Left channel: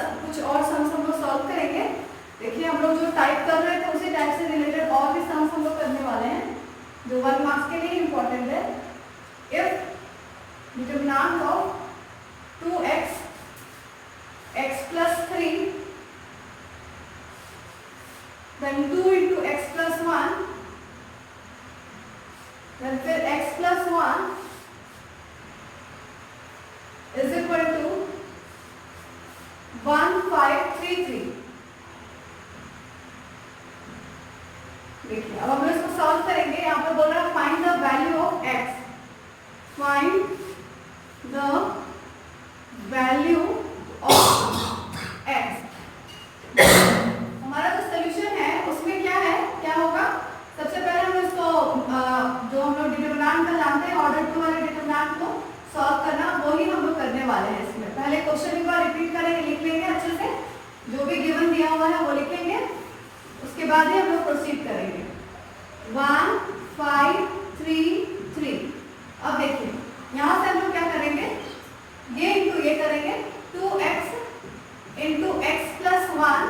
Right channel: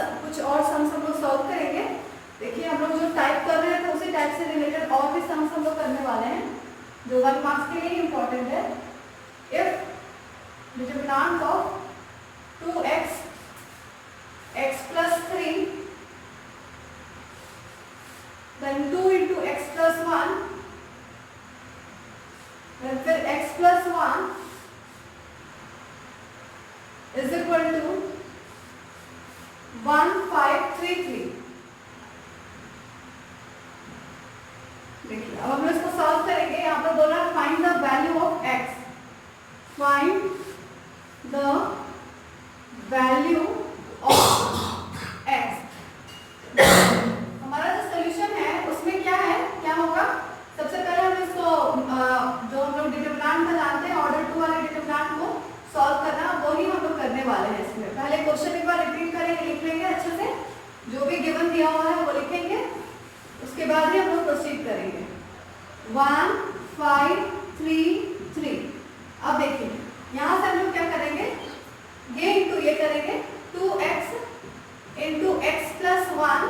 कुछ और सम्स हम लोग सॉल्व करेंगे। देखिए हम लोग जो टाइप कर रहे थे उसी टाइप से रिलेटेड और भी सम्स हम लोग करने वाले हैं जो 1 मार्क्स के लिए इम्पोर्टेंट है। If determinant of 2x x plus 3 then 2 into x plus 1 then फिर x plus 1 is equal to 1533। देखिए अब हम लोग इसको सॉल्व करेंगे। यहाँ पर बोल रहा है find the value of x, find the value of x। हमारा जो सोल्यूशन है उसमें क्या है, क्या होगा, सबसे पहले हम इसको जो हम लोग डिटरमिनेंट का जानते हैं ऑर्डर 2 वाले डिटरमिनेंट को सॉल्व करना, वो ही हम लोग करने वाले हैं। इसमें पहले क्वेश्चन एक बार रिपीट करेंगे, लिख लेंगे अच्छे से, जो भी गिवन दिया हुआ है वो लिखेंगे, उसके बाद ही हम लोग प्रोसीड करेंगे। 1 5 3 3। अब देखिए यहाँ से हम लोग क्या करेंगे, ये इंटू ये करेंगे, 2x into x plus 1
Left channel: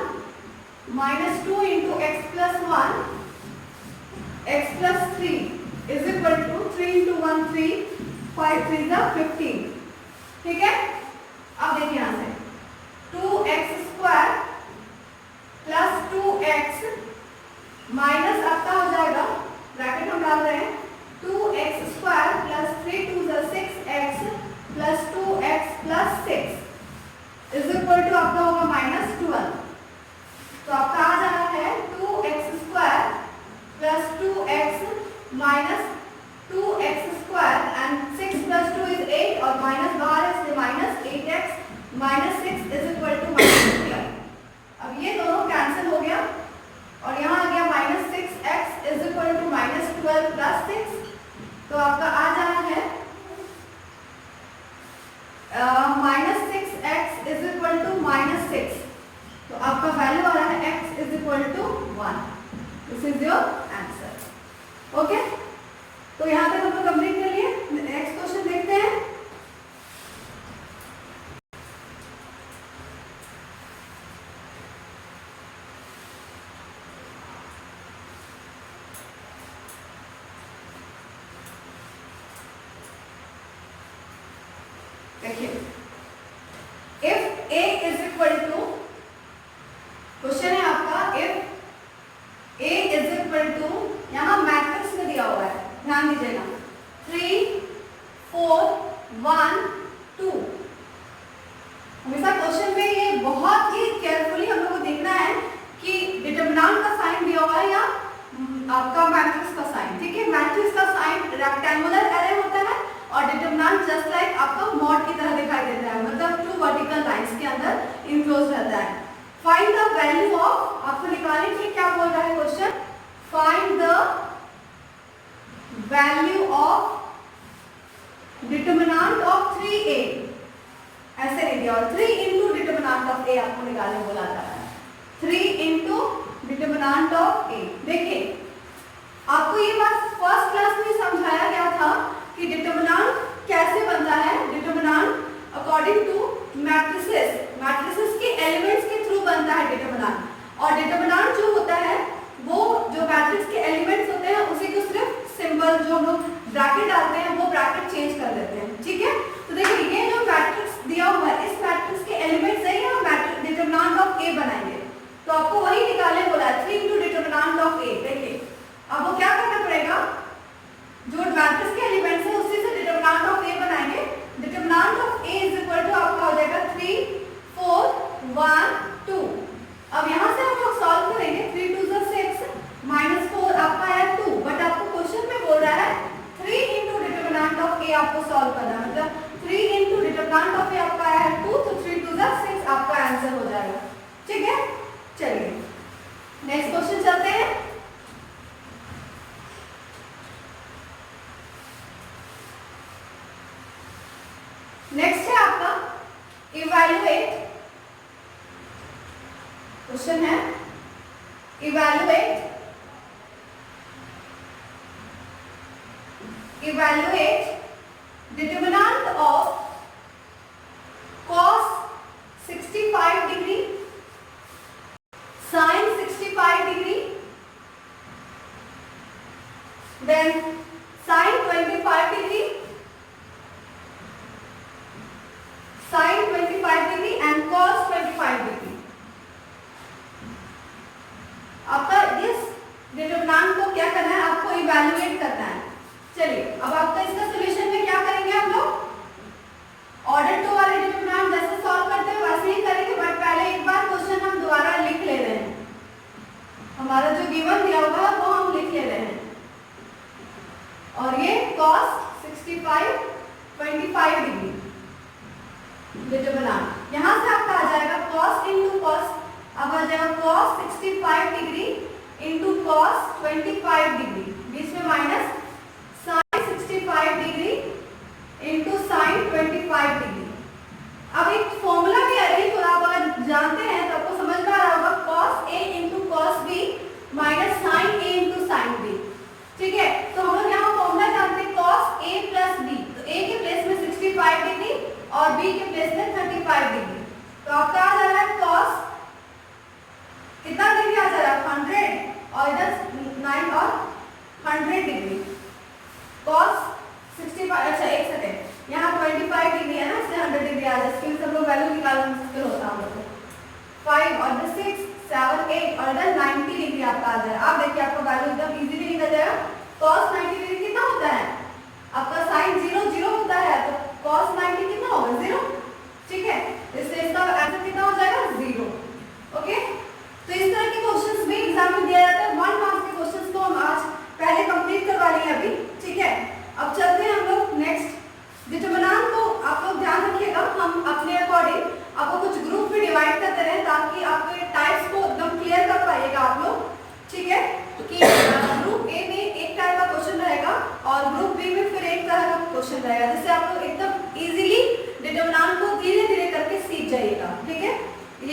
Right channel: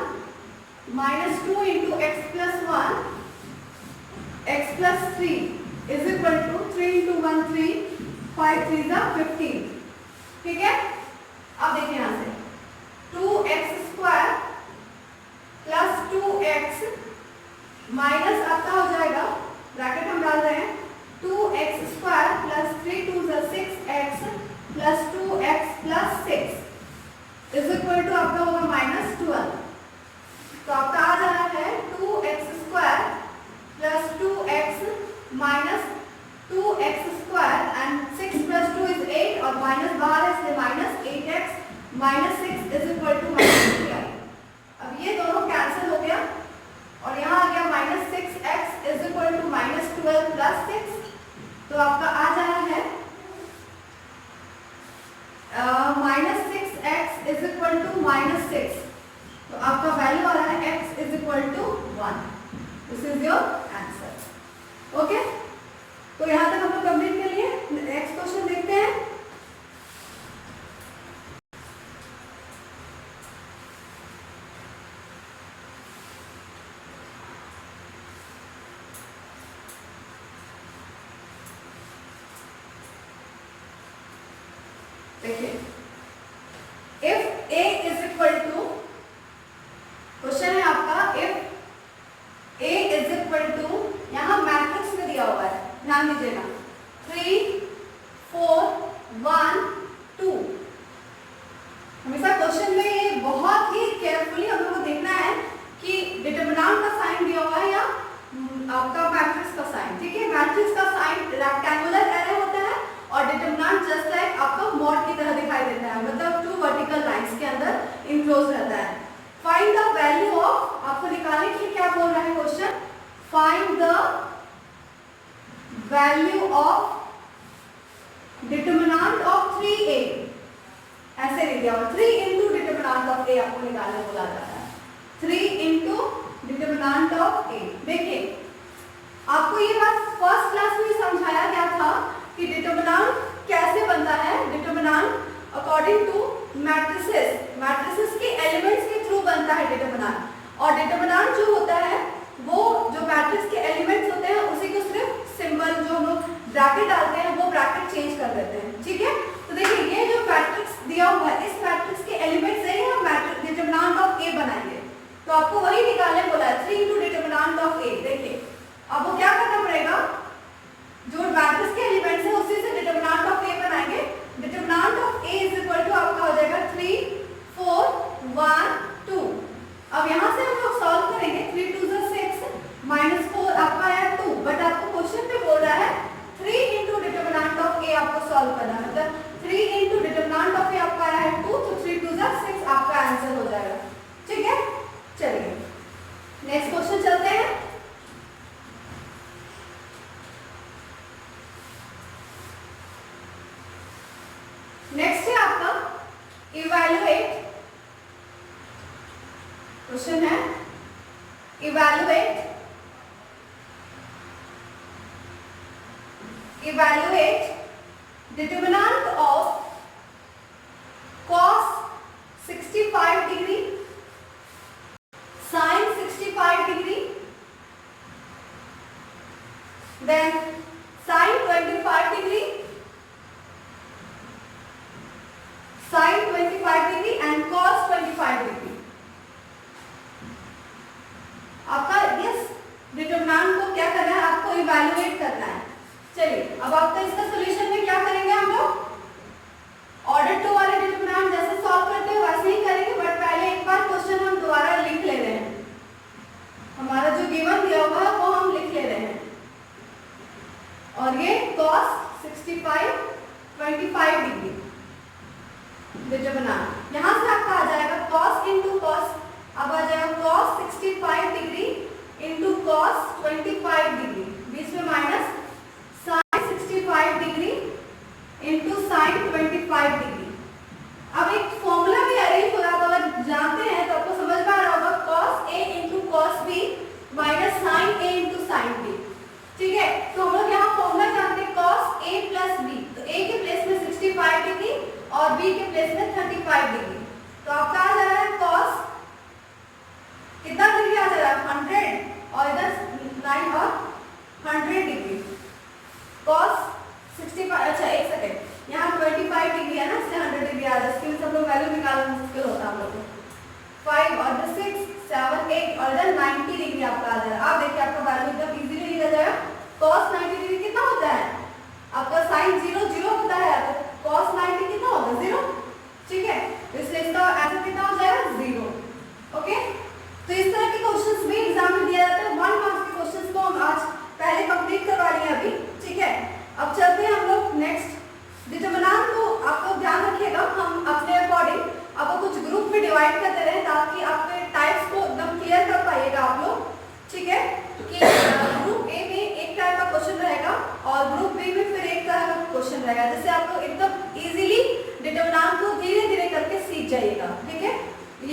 minus 2 into x plus 1 x plus 3 is equal to 3 into 1 3 5 3 15। ठीक है। अब देखिए यहाँ से 2x square plus 2x minus आपका हो जाएगा, ब्रैकेट हम डाल रहे हैं, 2x square plus 3 2 6x plus 2x plus 6 is equal to आपका होगा माइनस 12। तो आपका आ रहा है 2x square plus 2x minus 2x square and 6 plus 2 is 8 और माइनस बाहर है इसलिए minus 8x minus 6 is equal to minus 12। अब ये दोनों कैंसिल हो गया और यहाँ आ गया minus 6x is equal to minus 12 plus 6। तो आपका आ रहा है minus 6x is equal to minus 6। तो आपका वैल्यू आ रहा है x is equal to 1। This is your answer. Okay, तो यहाँ तक हम लोग कंप्लीट कर लिए। नेक्स्ट क्वेश्चन देखते हैं। देखिए if a is equal to, question है आपका, if a is equal to, यहाँ मैट्रिक्स में दिया हुआ है, ध्यान दीजिएगा, 3 4 1 2। हमेशा क्वेश्चन में ये बहुत ही केयरफुली हम लोग को देखना है कि डिटरमिनेंट का साइन दिया हुआ है या आपका मैट्रिक्स का साइन। ठीक है, मैट्रिक्स का साइन रेक्टेंगुलर एरे होता है और डिटरमिनेंट जस्ट लाइक आपका मॉड की तरह दिखाई देता है, मतलब 2 वर्टिकल लाइंस के अंदर इनक्लोज रहता है। फाइंड द वैल्यू ऑफ, आपको निकालने के लिए क्या बोल रहा है question, find the value of determinant of 3a, ऐसे नहीं दिया, और 3 इंटू डिटरमिनेंट ऑफ a आपको निकालने बोला जा रहा है, 3 इंटू डिटरमिनेंट ऑफ a। देखिए आपको ये बात फर्स्ट क्लास में समझाया गया था कि डिटरमिनेंट कैसे बनता है। Determinant according to matrices, matrices के एलिमेंट्स के थ्रू बनता है डिटरमिनेंट, और डिटरमिनेंट जो होता है वो जो मैट्रिक्स के एलिमेंट्स होते हैं उसी को सिर्फ सिंबल जो हम लोग ब्रैकेट डालते हैं वो ब्रैकेट चेंज कर देते हैं। ठीक है, तो देखिए ये जो मैट्रिक्स दिया हुआ है, इस मैट्रिक्स के एलिमेंट्स है हम डिटरमिनेंट ऑफ a बनाएंगे, तो आपको वही निकालने बोला है, 3 इंटू डिटरमिनेंट ऑफ a। देखिए अब वो क्या करना पड़ेगा, जो मैट्रिक्स के एलिमेंट्स है उसी से डिटरमिनेंट ऑफ a बनाएंगे। Determinant of a is equal to आपका हो जाएगा 3 4 1 2। अब यहाँ से हम लोग सॉल्व करेंगे, 3 2 6 माइनस 4 आपका आया 2, बट आपको क्वेश्चन में बोल रहा है 3 इंटू डिटरमिनेंट ऑफ a आपको सॉल्व करना, मतलब 3 इंटू डिटरमिनेंट ऑफ a आपका आया है 2, तो 3 2 6 आपका आंसर हो जाएगा। ठीक है, चलिए नेक्स्ट क्वेश्चन चलते हैं। नेक्स्ट है आपका इवैल्यूएट, क्वेश्चन है evaluate determinant of cos 65 degree determinant. यहाँ से आपका आ जाएगा cos इंटू cos, अब आ जाएगा cos 65 degree into cos 25 degree, बीच में minus sin 65 degree into sin 25 degree. अब एक फॉर्मूला भी अरेंज होगा, तो अगर जानते हैं तो आपको समझ में आ रहा होगा cos a into cos b minus sin a into sin b। ठीक है, तो हम लोग यहाँ फॉर्मूला जानते हैं cos a प्लस b, तो a के प्लेस में 65 डिग्री और b के प्लेस में 35 डिग्री, तो आपका आ जा रहा है cos कितना डिग्री आ जा रहा है 100 और इधर 9 और 100 डिग्री cos 65। अच्छा एक सेकेंड, यहाँ 25 डिग्री है ना, इसलिए 100 डिग्री आ जाए, इसके सब लोग वैल्यू निकालना मुश्किल होता है हम लोग को। 5 और इधर 6 7 8 और इधर 90 डिग्री आपका आ जाएगा। आप देखिए आपका वैल्यू एकदम इजीली निकल जाएगा। cos 90 डिग्री कितना होता है आपका, sin 0 0 होता है, तो cos 90 कितना होगा 0। ठीक है, इसलिए इसका आंसर कितना हो जाएगा 0। ओके, तो इस तरह के क्वेश्चंस भी एग्जाम में दिया जाता है। 1 मार्क्स के क्वेश्चंस को हम आज पहले कंप्लीट करवा लिए अभी। ठीक है, अब चलते हैं हम लोग नेक्स्ट डिटरमिनेंट को। आप लोग ध्यान रखिएगा, हम अपने अकॉर्डिंग आपको कुछ ग्रुप में डिवाइड करते रहे ताकि आपके टाइप्स को एकदम क्लियर कर पाइएगा आप लोग। ठीक है, कि ग्रुप ए में एक टाइप का क्वेश्चन रहेगा और ग्रुप बी में फिर एक तरह का क्वेश्चन रहेगा, जिससे आप लोग एकदम इजीली डिटरमिनेंट को धीरे धीरे करके सीख जाइएगा। ठीक है,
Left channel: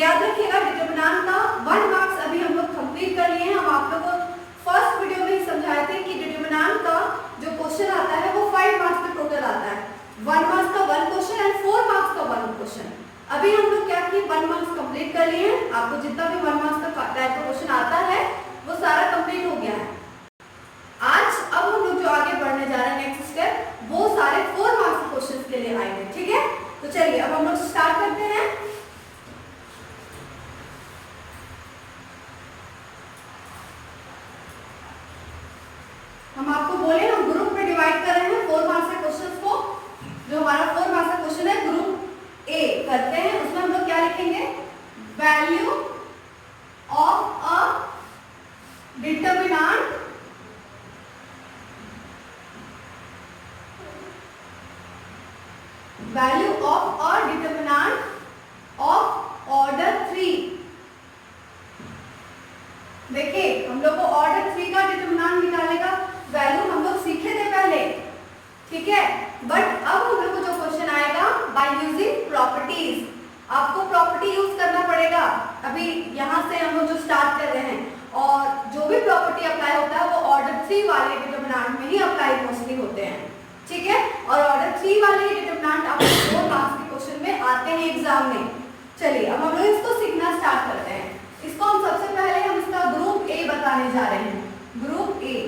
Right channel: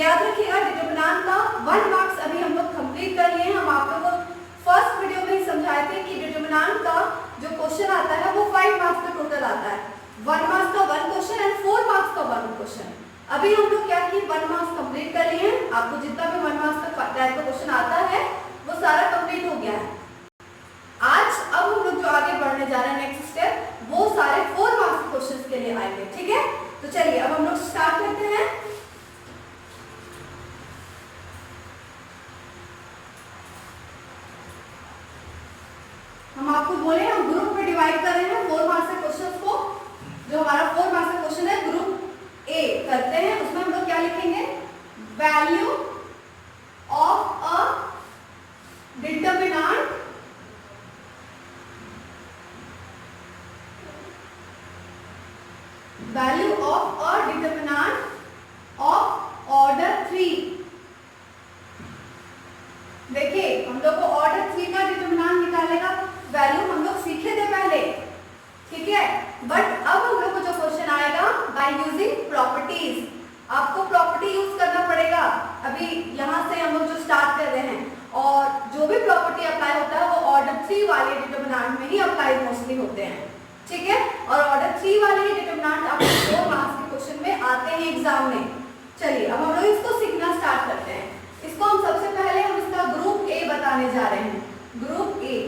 याद रखिएगा डिटरमिनेंट का 1 मार्क्स अभी हम लोग कंप्लीट कर लिए हैं। हम आप लोगों को फर्स्ट वीडियो में समझाए थे कि डिटरमिनेंट का जो क्वेश्चन आता है वो 5 मार्क्स में टोटल आता है। 1 मार्क्स का 1 क्वेश्चन एंड 4 मार्क्स का 1 क्वेश्चन। अभी हम लोग क्या किए, 1 मार्क्स कंप्लीट कर लिए हैं। आपको जितना भी 1 मार्क्स का टाइप का क्वेश्चन आता है वो सारा कंप्लीट हो गया है। आज अब हम लोग जो आगे बढ़ने जा रहे हैं नेक्स्ट स्टेप, वो सारे 4 मार्क्स के क्वेश्चंस के लिए आएंगे। ठीक है, तो चलिए अब हम लोग स्टार्ट करते हैं। हम आपको बोले हम ग्रुप में डिवाइड कर रहे हैं 4 मार्क्स के क्वेश्चंस को। जो हमारा 4 मार्क्स का क्वेश्चन है ग्रुप ए करते हैं, उसमें हम लोग क्या लिखेंगे, value of a determinant value of a determinant of order 3। देखिए हम लोग को ऑर्डर 3 का डिटरमिनेंट निकालने का वैल्यू हम लोग सीखे थे पहले। ठीक है, बट अब हम लोग को जो क्वेश्चन आएगा बाय यूजिंग प्रॉपर्टीज, आपको प्रॉपर्टी यूज करना पड़ेगा। अभी यहाँ से हम लोग जो स्टार्ट कर रहे हैं, और जो भी प्रॉपर्टी अप्लाई होता है वो ऑर्डर 3 वाले डिटरमिनेंट में ही अप्लाई मोस्टली होते हैं। ठीक है, और ऑर्डर 3 वाले डिटरमिनेंट आपको 4 मार्क्स के क्वेश्चन में आते हैं एग्जाम में। चलिए अब हम लोग इसको सीखना स्टार्ट करते हैं। इसको हम सबसे पहले हम इसका ग्रुप ए बताने जा रहे हैं। ग्रुप ए,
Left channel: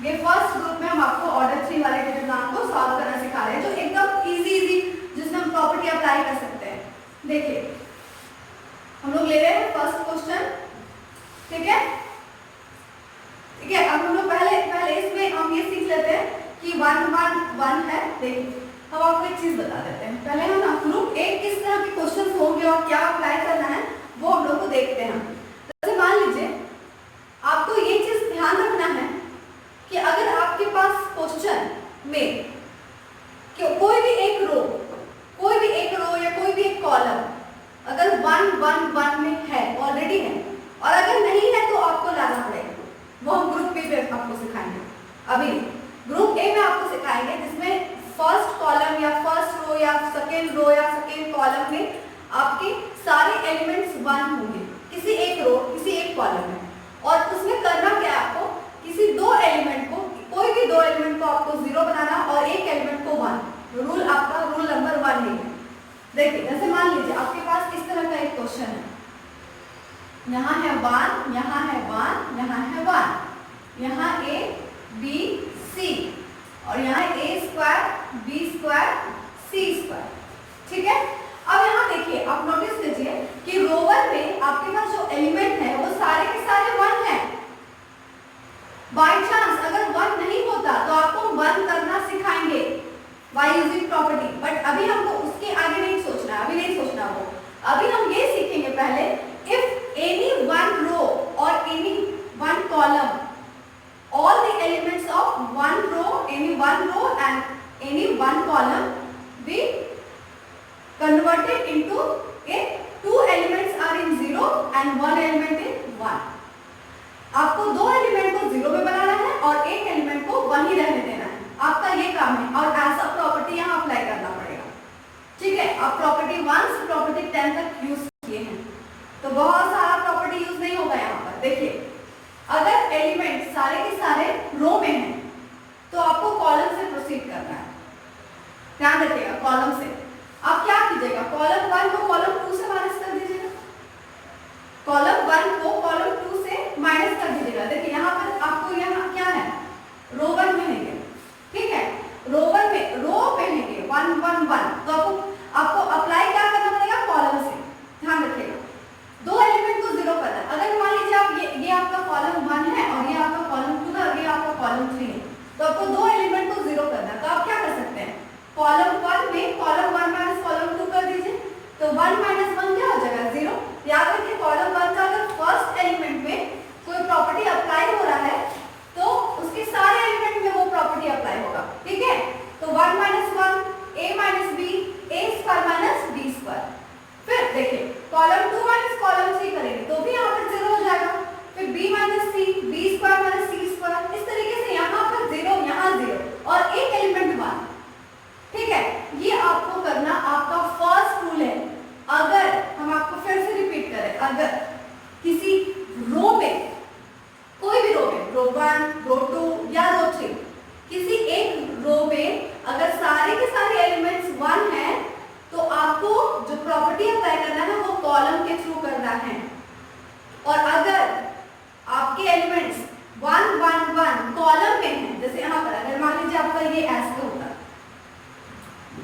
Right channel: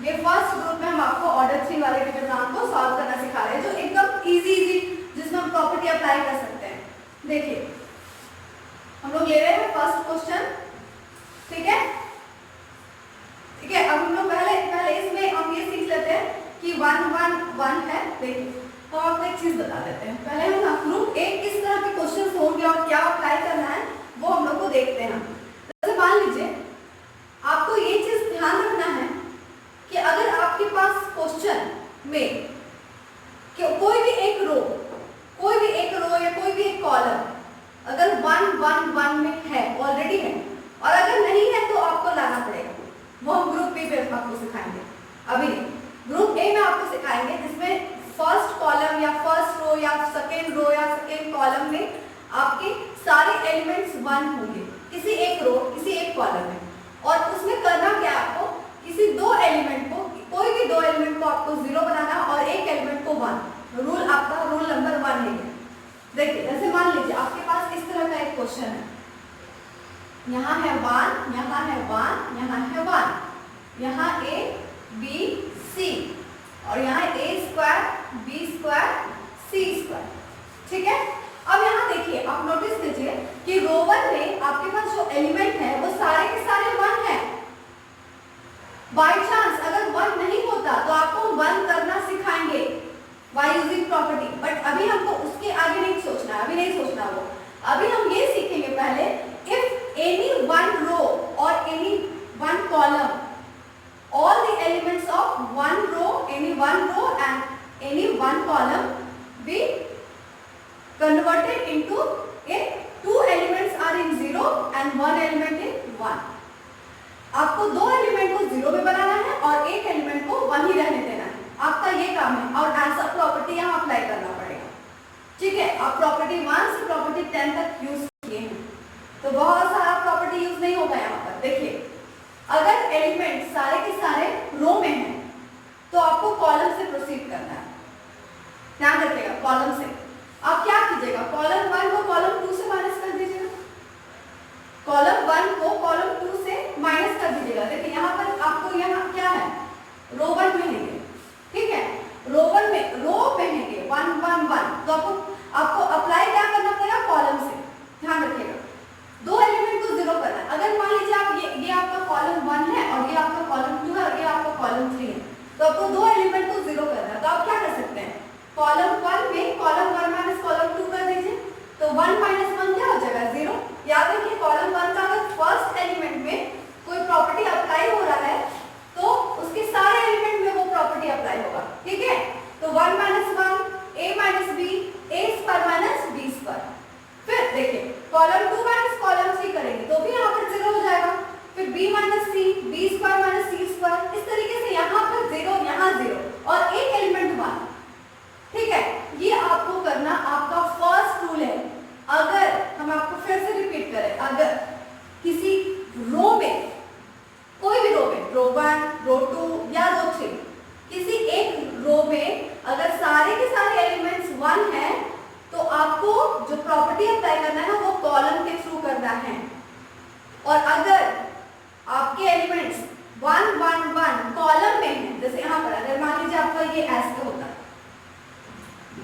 ये फर्स्ट ग्रुप में हम आपको ऑर्डर 3 वाले डिटरमिनेंट को सॉल्व करना सिखा रहे हैं, जो एकदम इजी जिसमें हम प्रॉपर्टी अप्लाई कर सकते हैं। देखिए हम लोग ले रहे हैं फर्स्ट क्वेश्चन। ठीक है, ठीक है, अब हम लोग पहले इसमें हम ये सीख लेते हैं कि 1 1 1 है। देखिए हम आपको एक चीज बता देते हैं, पहले हम ग्रुप ए किस तरह के क्वेश्चन होंगे और क्या अप्लाई करना है वो हम लोग को देखते हैं। जैसे मान लीजिए आपको ये चीज ध्यान रखना है कि अगर आपके पास क्वेश्चन में कोई भी एक रो या कोई भी एक कॉलम अगर 1 1 1 में है, ऑलरेडी है, और अगर नहीं है तो आपको लाना पड़ेगा। वो हम ग्रुप बी पे आपको सिखाएंगे। अभी ग्रुप ए में आपको सिखाएंगे जिसमें फर्स्ट कॉलम या फर्स्ट रो या सेकेंड कॉलम में आपके सारे एलिमेंट्स 1 होंगे, किसी एक रो किसी एक कॉलम में। और उसमें करना क्या है, आपको किसी 2 एलिमेंट को, कोई भी 2 एलिमेंट को आपको 0 बनाना और एक एलिमेंट को 1। रूल आपका रूल नंबर 1 ही है। देखिए जैसे मान लीजिए आपके पास इस तरह का एक क्वेश्चन है, यहाँ है 1, यहाँ है 1, यहाँ है 1, यहाँ a b c और यहाँ a square b square c square. ठीक है, अब यहाँ देखिए आप नोटिस कीजिए कि रो 1 में आपके पास जो एलिमेंट है वो सारे के सारे 1 है। बाय चांस अगर 1 नहीं होता तो आपको 1 करना सिखाएंगे बाय यूजिंग प्रॉपर्टी, बट अभी हमको उसके आगे नहीं सोचना, अभी नहीं सोचना वो। अभी हम ये सीखेंगे पहले, इफ एनी 1 रो और any 1 column, all the elements of 1 row, any 1 row and any 1 column be converted into a 2 elements are in 0 and 1 element in 1. आपको 2 एलिमेंट को 0 में बनाना है और एक एलिमेंट को 1 ही रहने देना है, आपका ये काम है। और ऐसा प्रॉपर्टी यहाँ अप्लाई करना पड़ेगा, ठीक है। अब प्रॉपर्टी 1 से प्रॉपर्टी 10 तक यूज किए हैं, तो बहुत सारा प्रॉपर्टी यूज नहीं होगा यहाँ पर। देखिए, अगर एलिमेंट सारे के सारे रो में हैं तो आपको कॉलम से प्रोसीड करना है, ध्यान रखिएगा। कॉलम से आप क्या कीजिएगा, कॉलम 1 को कॉलम 2 से माइनस कर दीजिएगा, कॉलम 1 को कॉलम 2 से माइनस कर दीजिएगा। देखिए यहाँ पर आपको यहाँ क्या है, रो 1 में है ये, ठीक है। रो 1 में रो पे है ये 1 1 1, तो आपको अप्लाई क्या करना पड़ेगा, कॉलम से, ध्यान रखिएगा। 2 एलिमेंट को 0 करना है। अगर मान लीजिए आप ये आपका कॉलम 1 है और ये आपका कॉलम 2 है और ये आपका कॉलम 3 है, तो आपको 2 एलिमेंट को 0 करना है। तो आप क्या कर सकते हैं, कॉलम 1 में कॉलम 1 माइनस कॉलम 2 कर दीजिए, तो 1 माइनस 1 क्या हो जाएगा, 0। याद रखिए, कॉलम 1 का अगर फर्स्ट एलिमेंट में कोई प्रॉपर्टी अप्लाई हो रहा है तो उसके सारे एलिमेंट में वो प्रॉपर्टी अप्लाई होगा, ठीक है। तो 1 minus 1 a minus b a square minus b square. फिर देखिए, कॉलम 2 माइनस कॉलम 3 करेंगे तो भी यहाँ पर 0 हो जाएगा। फिर b minus c b square minus c square, इस तरीके से यहाँ पर 0 यहाँ 0 और एक एलिमेंट 1, ठीक है। ये आपको करना आपका फर्स्ट रूल है। अगर हम आपको फिर से रिपीट करें, अगर किसी रो में, कोई भी रो में, रो 1 रो 2 या रो 3, किसी एक रो में अगर सारे के सारे एलिमेंट्स 1 हैं तो आपको जो प्रॉपर्टी अप्लाई करना है वो कॉलम के थ्रू करना है। और अगर आपके एलिमेंट्स 1 1 1 कॉलम में हैं, जैसे यहाँ पर अगर मान लीजिए आपका ये ऐसे होता है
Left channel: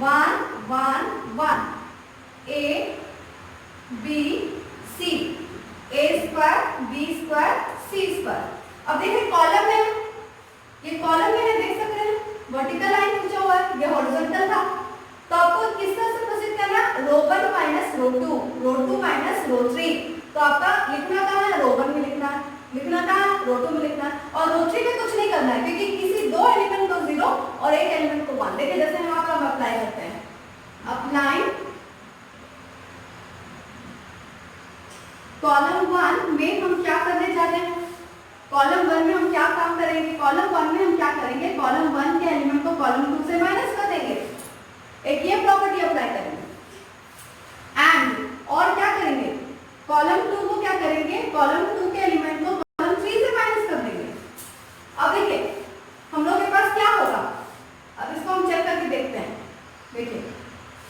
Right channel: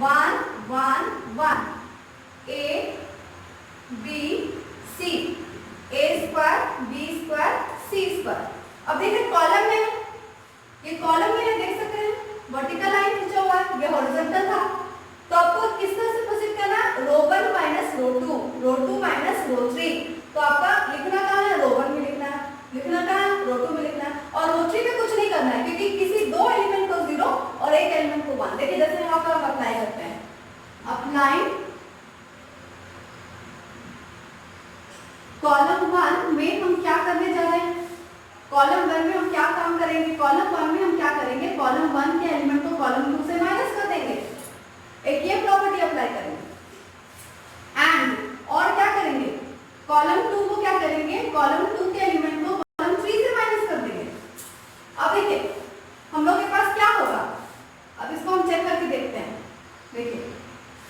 1 1 1 a b c a square b square c square. अब देखिए कॉलम में है, ये कॉलम में है, देख सकते हैं वर्टिकल लाइन खींचा हुआ है, ये हॉरिजॉन्टल था। तो आपको किस तरह से प्रोसीड करना है, रो 1 माइनस रो 2, रो 2 माइनस रो 3। तो आपका लिखना कहाँ है, रो 1 में लिखना है, लिखना कहाँ है, रो 2 में लिखना है। और रो 3 में कुछ नहीं करना है क्योंकि किसी 2 एलिमेंट को 0 और एक एलिमेंट को 1। देखिए जैसे यहाँ पर हम अप्लाई करते हैं, अप्लाई कॉलम 1 में हम क्या करने जा रहे हैं, कॉलम 1 में हम क्या काम करेंगे, कॉलम 1 में हम क्या करेंगे, कॉलम 1 के एलिमेंट को कॉलम 2 से माइनस कर देंगे, एक ये प्रॉपर्टी अप्लाई करेंगे। एंड और क्या करेंगे, कॉलम 2 को क्या करेंगे, कॉलम 2 के एलिमेंट को कॉलम 3 से माइनस कर देंगे। अब देखिए हम लोग के पास क्या होगा, अब इसको हम चेक करके देखते हैं। देखिए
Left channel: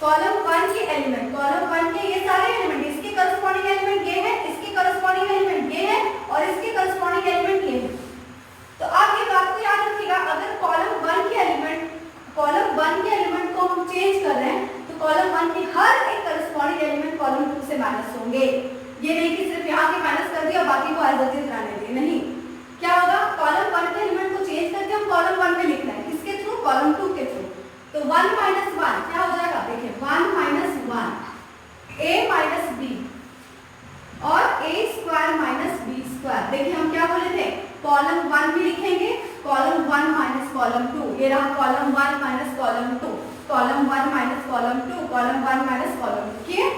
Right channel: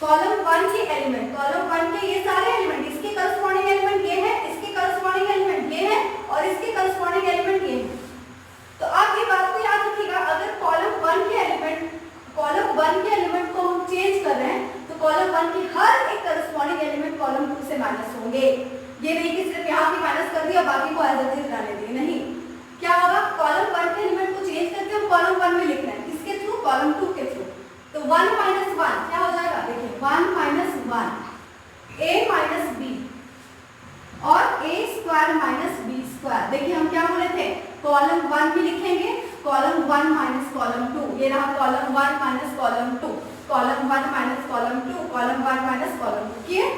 कॉलम 1 के एलिमेंट, कॉलम 1 के ये सारे एलिमेंट, इसके करस्पॉन्डिंग एलिमेंट ये है, इसके करस्पॉन्डिंग एलिमेंट ये है और इसके करस्पॉन्डिंग एलिमेंट ये है। तो आप ये बात को याद रखिएगा, अगर कॉलम 1 के एलिमेंट, कॉलम 1 के एलिमेंट को हम चेंज कर रहे हैं तो कॉलम 1 के हर एक करस्पॉन्डिंग एलिमेंट कॉलम 2 से माइनस होंगे। ये नहीं कि सिर्फ यहाँ की माइनस कर दिया बाकी को एज इट इज रहने दिए, नहीं। क्या होगा, कॉलम 1 के एलिमेंट को चेंज करके हम कॉलम 1 में लिखना है, किसके थ्रू, कॉलम 2 के थ्रू। तो 1 माइनस 1 क्या हो जाएगा, देखिए 1 माइनस 1 a माइनस b और a square minus b square. देखिए हम क्या बोले थे, कॉलम 1 भी लिखेंगे, कॉलम 1 माइनस कॉलम 2, ये रहा column 1 minus column 2, column 1 minus column 2, column 1 minus column 2 किए,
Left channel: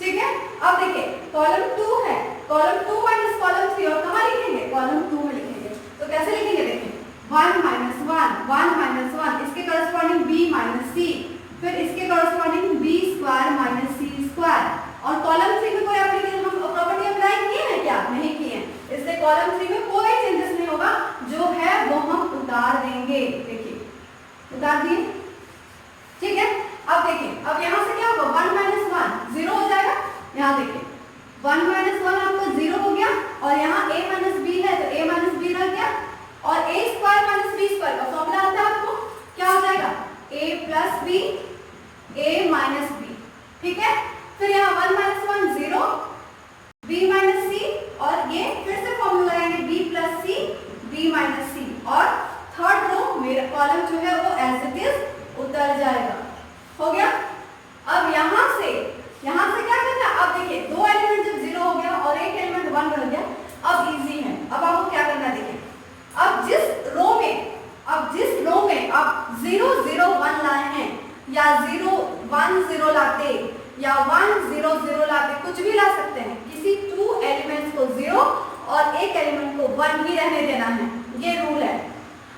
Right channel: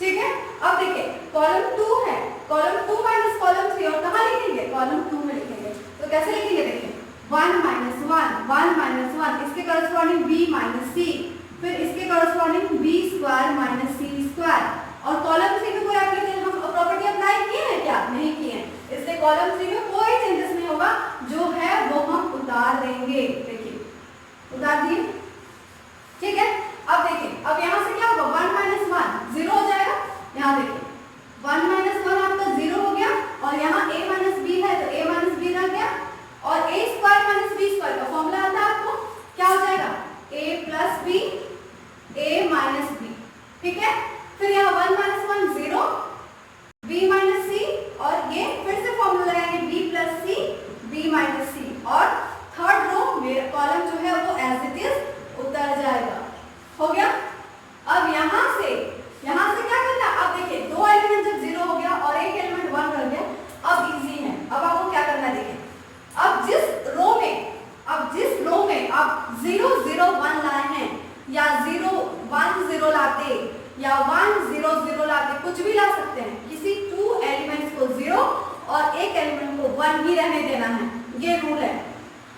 ठीक है। अब देखिए कॉलम 2 है, कॉलम 2 माइनस कॉलम 3 और कहाँ लिखेंगे, कॉलम 2 में लिखेंगे। तो कैसे लिखेंगे, देखिए 1 माइनस 1 1 माइनस 1, इसके करस्पॉन्डिंग b माइनस c, फिर इसके corresponding b square minus c square. और कॉलम 3 में कोई एप्लीकेशन हम प्रॉपर्टी अप्लाई किए हैं क्या, नहीं किए हैं, इसलिए कॉलम 3 में कोई चेंजेस नहीं होगा, जो है वो हम उतार देंगे। देखिए उतार दिए, ठीक है। अब देखिए अब यहाँ से क्या होगा, 1 माइनस 1 0 हो जाएगा। यहाँ देखिए 1 माइनस 1 आपका 0 हो गया और यहाँ a माइनस b है तो a माइनस b रह गया और a square minus b square का फॉर्मूला आता है आपको, क्या हो जाएगा, a plus b a minus b, ठीक है। फिर यहाँ 1 माइनस 1 0 b माइनस c और ये फिर से फॉर्मूला लगाएंगे b plus c b minus c और थर्ड रो मेरा कॉलम जो है वो एज इट इज उतर जाएगा, हो गया। अब यहाँ से क्या करना है, अब देखिए 2 एलिमेंट जब 0 हो गया और एक एलिमेंट 1 रह गया, अब इजी है। अब आपको क्या करना है, देखिए अब जिस रो में आप 0 0 1 लाए हैं या 0 1 0 लाते या 1 0 0 लाते, कुछ भी ला सकते हैं। किसी 2 एलिमेंट्स को 0 और एक एलिमेंट को 1 ही रहने देना है, ये रूल है।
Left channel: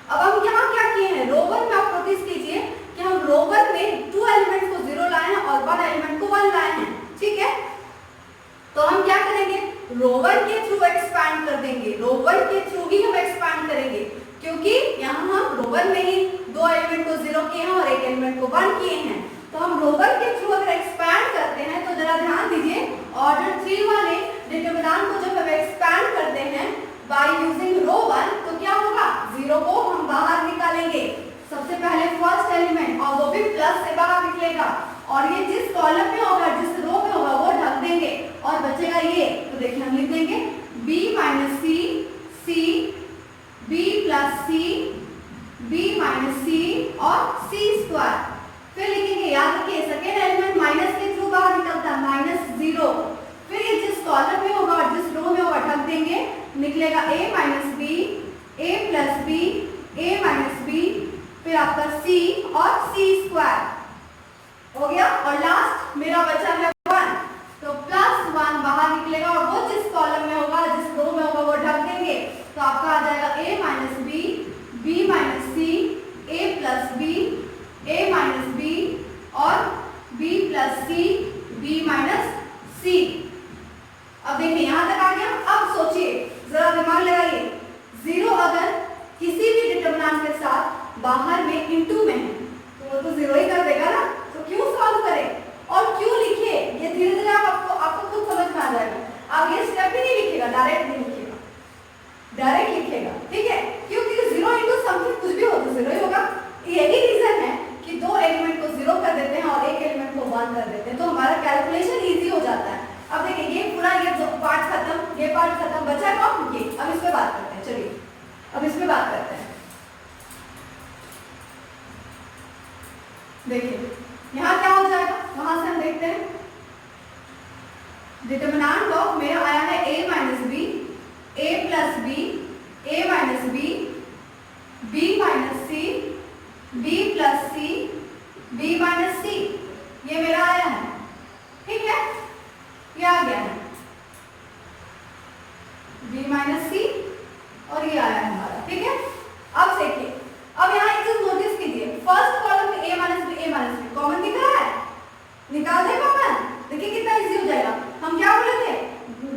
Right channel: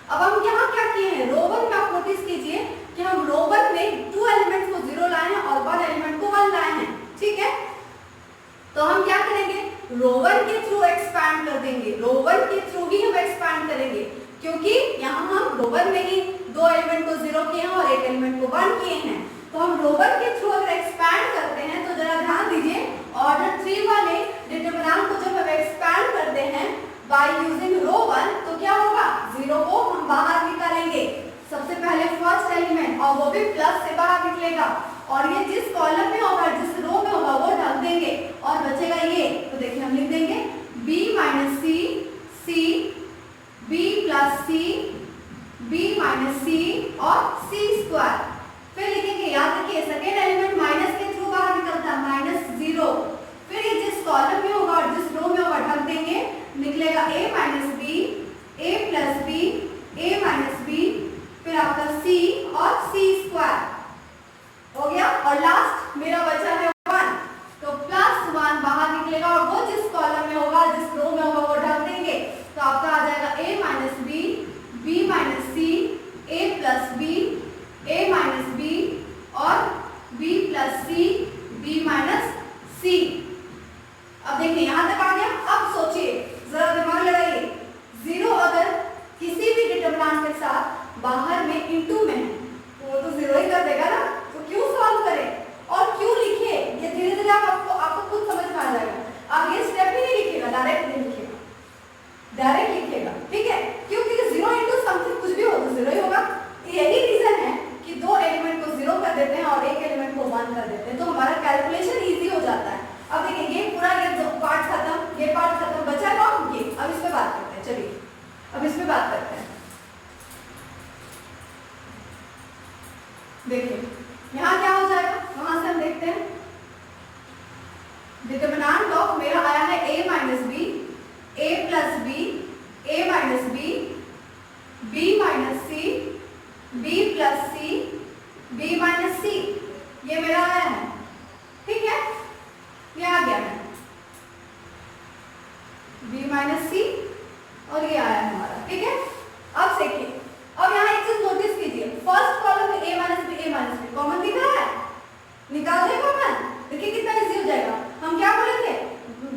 अब हम यहाँ क्या किए हैं, रो 1 में आप नोटिस कीजिए कि हम रो 1 में 2 एलिमेंट्स को 0 लाए हैं और 1 एलिमेंट को 1 लाए हैं, ठीक है। तो हम क्या करेंगे, रो 1 के थ्रू एक्सपैंड कर देंगे, रो 1 के थ्रू ही हम एक्सपैंड करेंगे, क्योंकि यहाँ हम रो 1 में ही 2 एलिमेंट को 0 किए हैं और एक एलिमेंट को 1 किए हैं। तो हम रो 1 के थ्रू अगर एक्सपैंड करते हैं तो जरा ध्यान दीजिए, ऑर्डर 3 वाले डिटरमिनेंट को जब हम एक्सपैंड करते हैं बाय यूजिंग रो 1, तो क्या होगा, 0 को हम बाहर निकालेंगे, सबसे पहले फर्स्ट एलिमेंट, और वो भी प्लस से बाहर निकलेगा, और ये जिस कॉलम में होगा, जिस रो में होगा वो ढक देंगे और बचेगा ये। तो देखिए हम लिख देंगे b माइनस सी, सी b प्लस सी, b माइनस सी और c स्क्वायर। फिर लिखेंगे, याद रखिए सेकेंड एलिमेंट माइनस के थ्रू बाहर निकलता है, -0। फिर ये जिस कॉलम में होगा और जिस रो में होगा ढक देंगे, निकलेगा a minus B, a plus B, a minus b, फिर आपका c और c स्क्वायर हो गया। और लास्ट मेरा बचा है 1, तो +1 बाहर निकलेगा और वो जिस कॉलम में होगा, जिस रो में होगा वो ढक देंगे, तो आपका आ जाएगा a minus B, b minus c, a plus B, a minus b और b प्लस सी, b माइनस सी। अब देखिए यहाँ तक आ गया। अब सोचिए, जरा दिमाग लगाइए, 0 अगर किसी भी डिटरमिनेंट के साथ बाहर में इनटू में है तो वो तो 0 ही कर देगा ना, तो क्यों सॉल्व करें और क्यों लिखिए, ये धीरे धीरे आपको खुद समझ में आ जाएगा। आप ये स्टेप ही नहीं लिखिएगा, डायरेक्ट नहीं लिखिएगा, डायरेक्ट लिखिएगा, ठीक है। क्यों, क्योंकि 0 इंटू समथिंग कुछ भी हो तो 0 ही होगा। यही रीजन है कि 2 एलिमेंट को 0 कर देते हैं और एक एलिमेंट को 1 कर देते हैं, तो हमारा कैलकुलेशन ईजी हो जाता है। अब देखिए ये पूरा ये पार्ट खत्म, ये पार्ट खत्म, बचा कौन, ये। अब इस पे बात करते हैं, चलिए अब इस पे बात करते हैं। देखिए यहाँ क्या हो जाएगा, वहां से हम देखते हैं, डिटरमिनेंट ऑफ मेरा आया है a minus B, a plus B, a minus B, b minus C, b plus C, b minus C, ये मेरा आया है, ठीक है, ये आ गया है b माइनस सी और ये आया है हमारा, ठीक है। अब देखिए, अब यहाँ एक चीज नोटिस कीजिए, फर्स्ट कॉलम में a माइनस बी कॉमन दिख रहा है, निकाल देगा कॉमन, देखिए कितना इजी हो जाएगा। हम क्या बोले थे,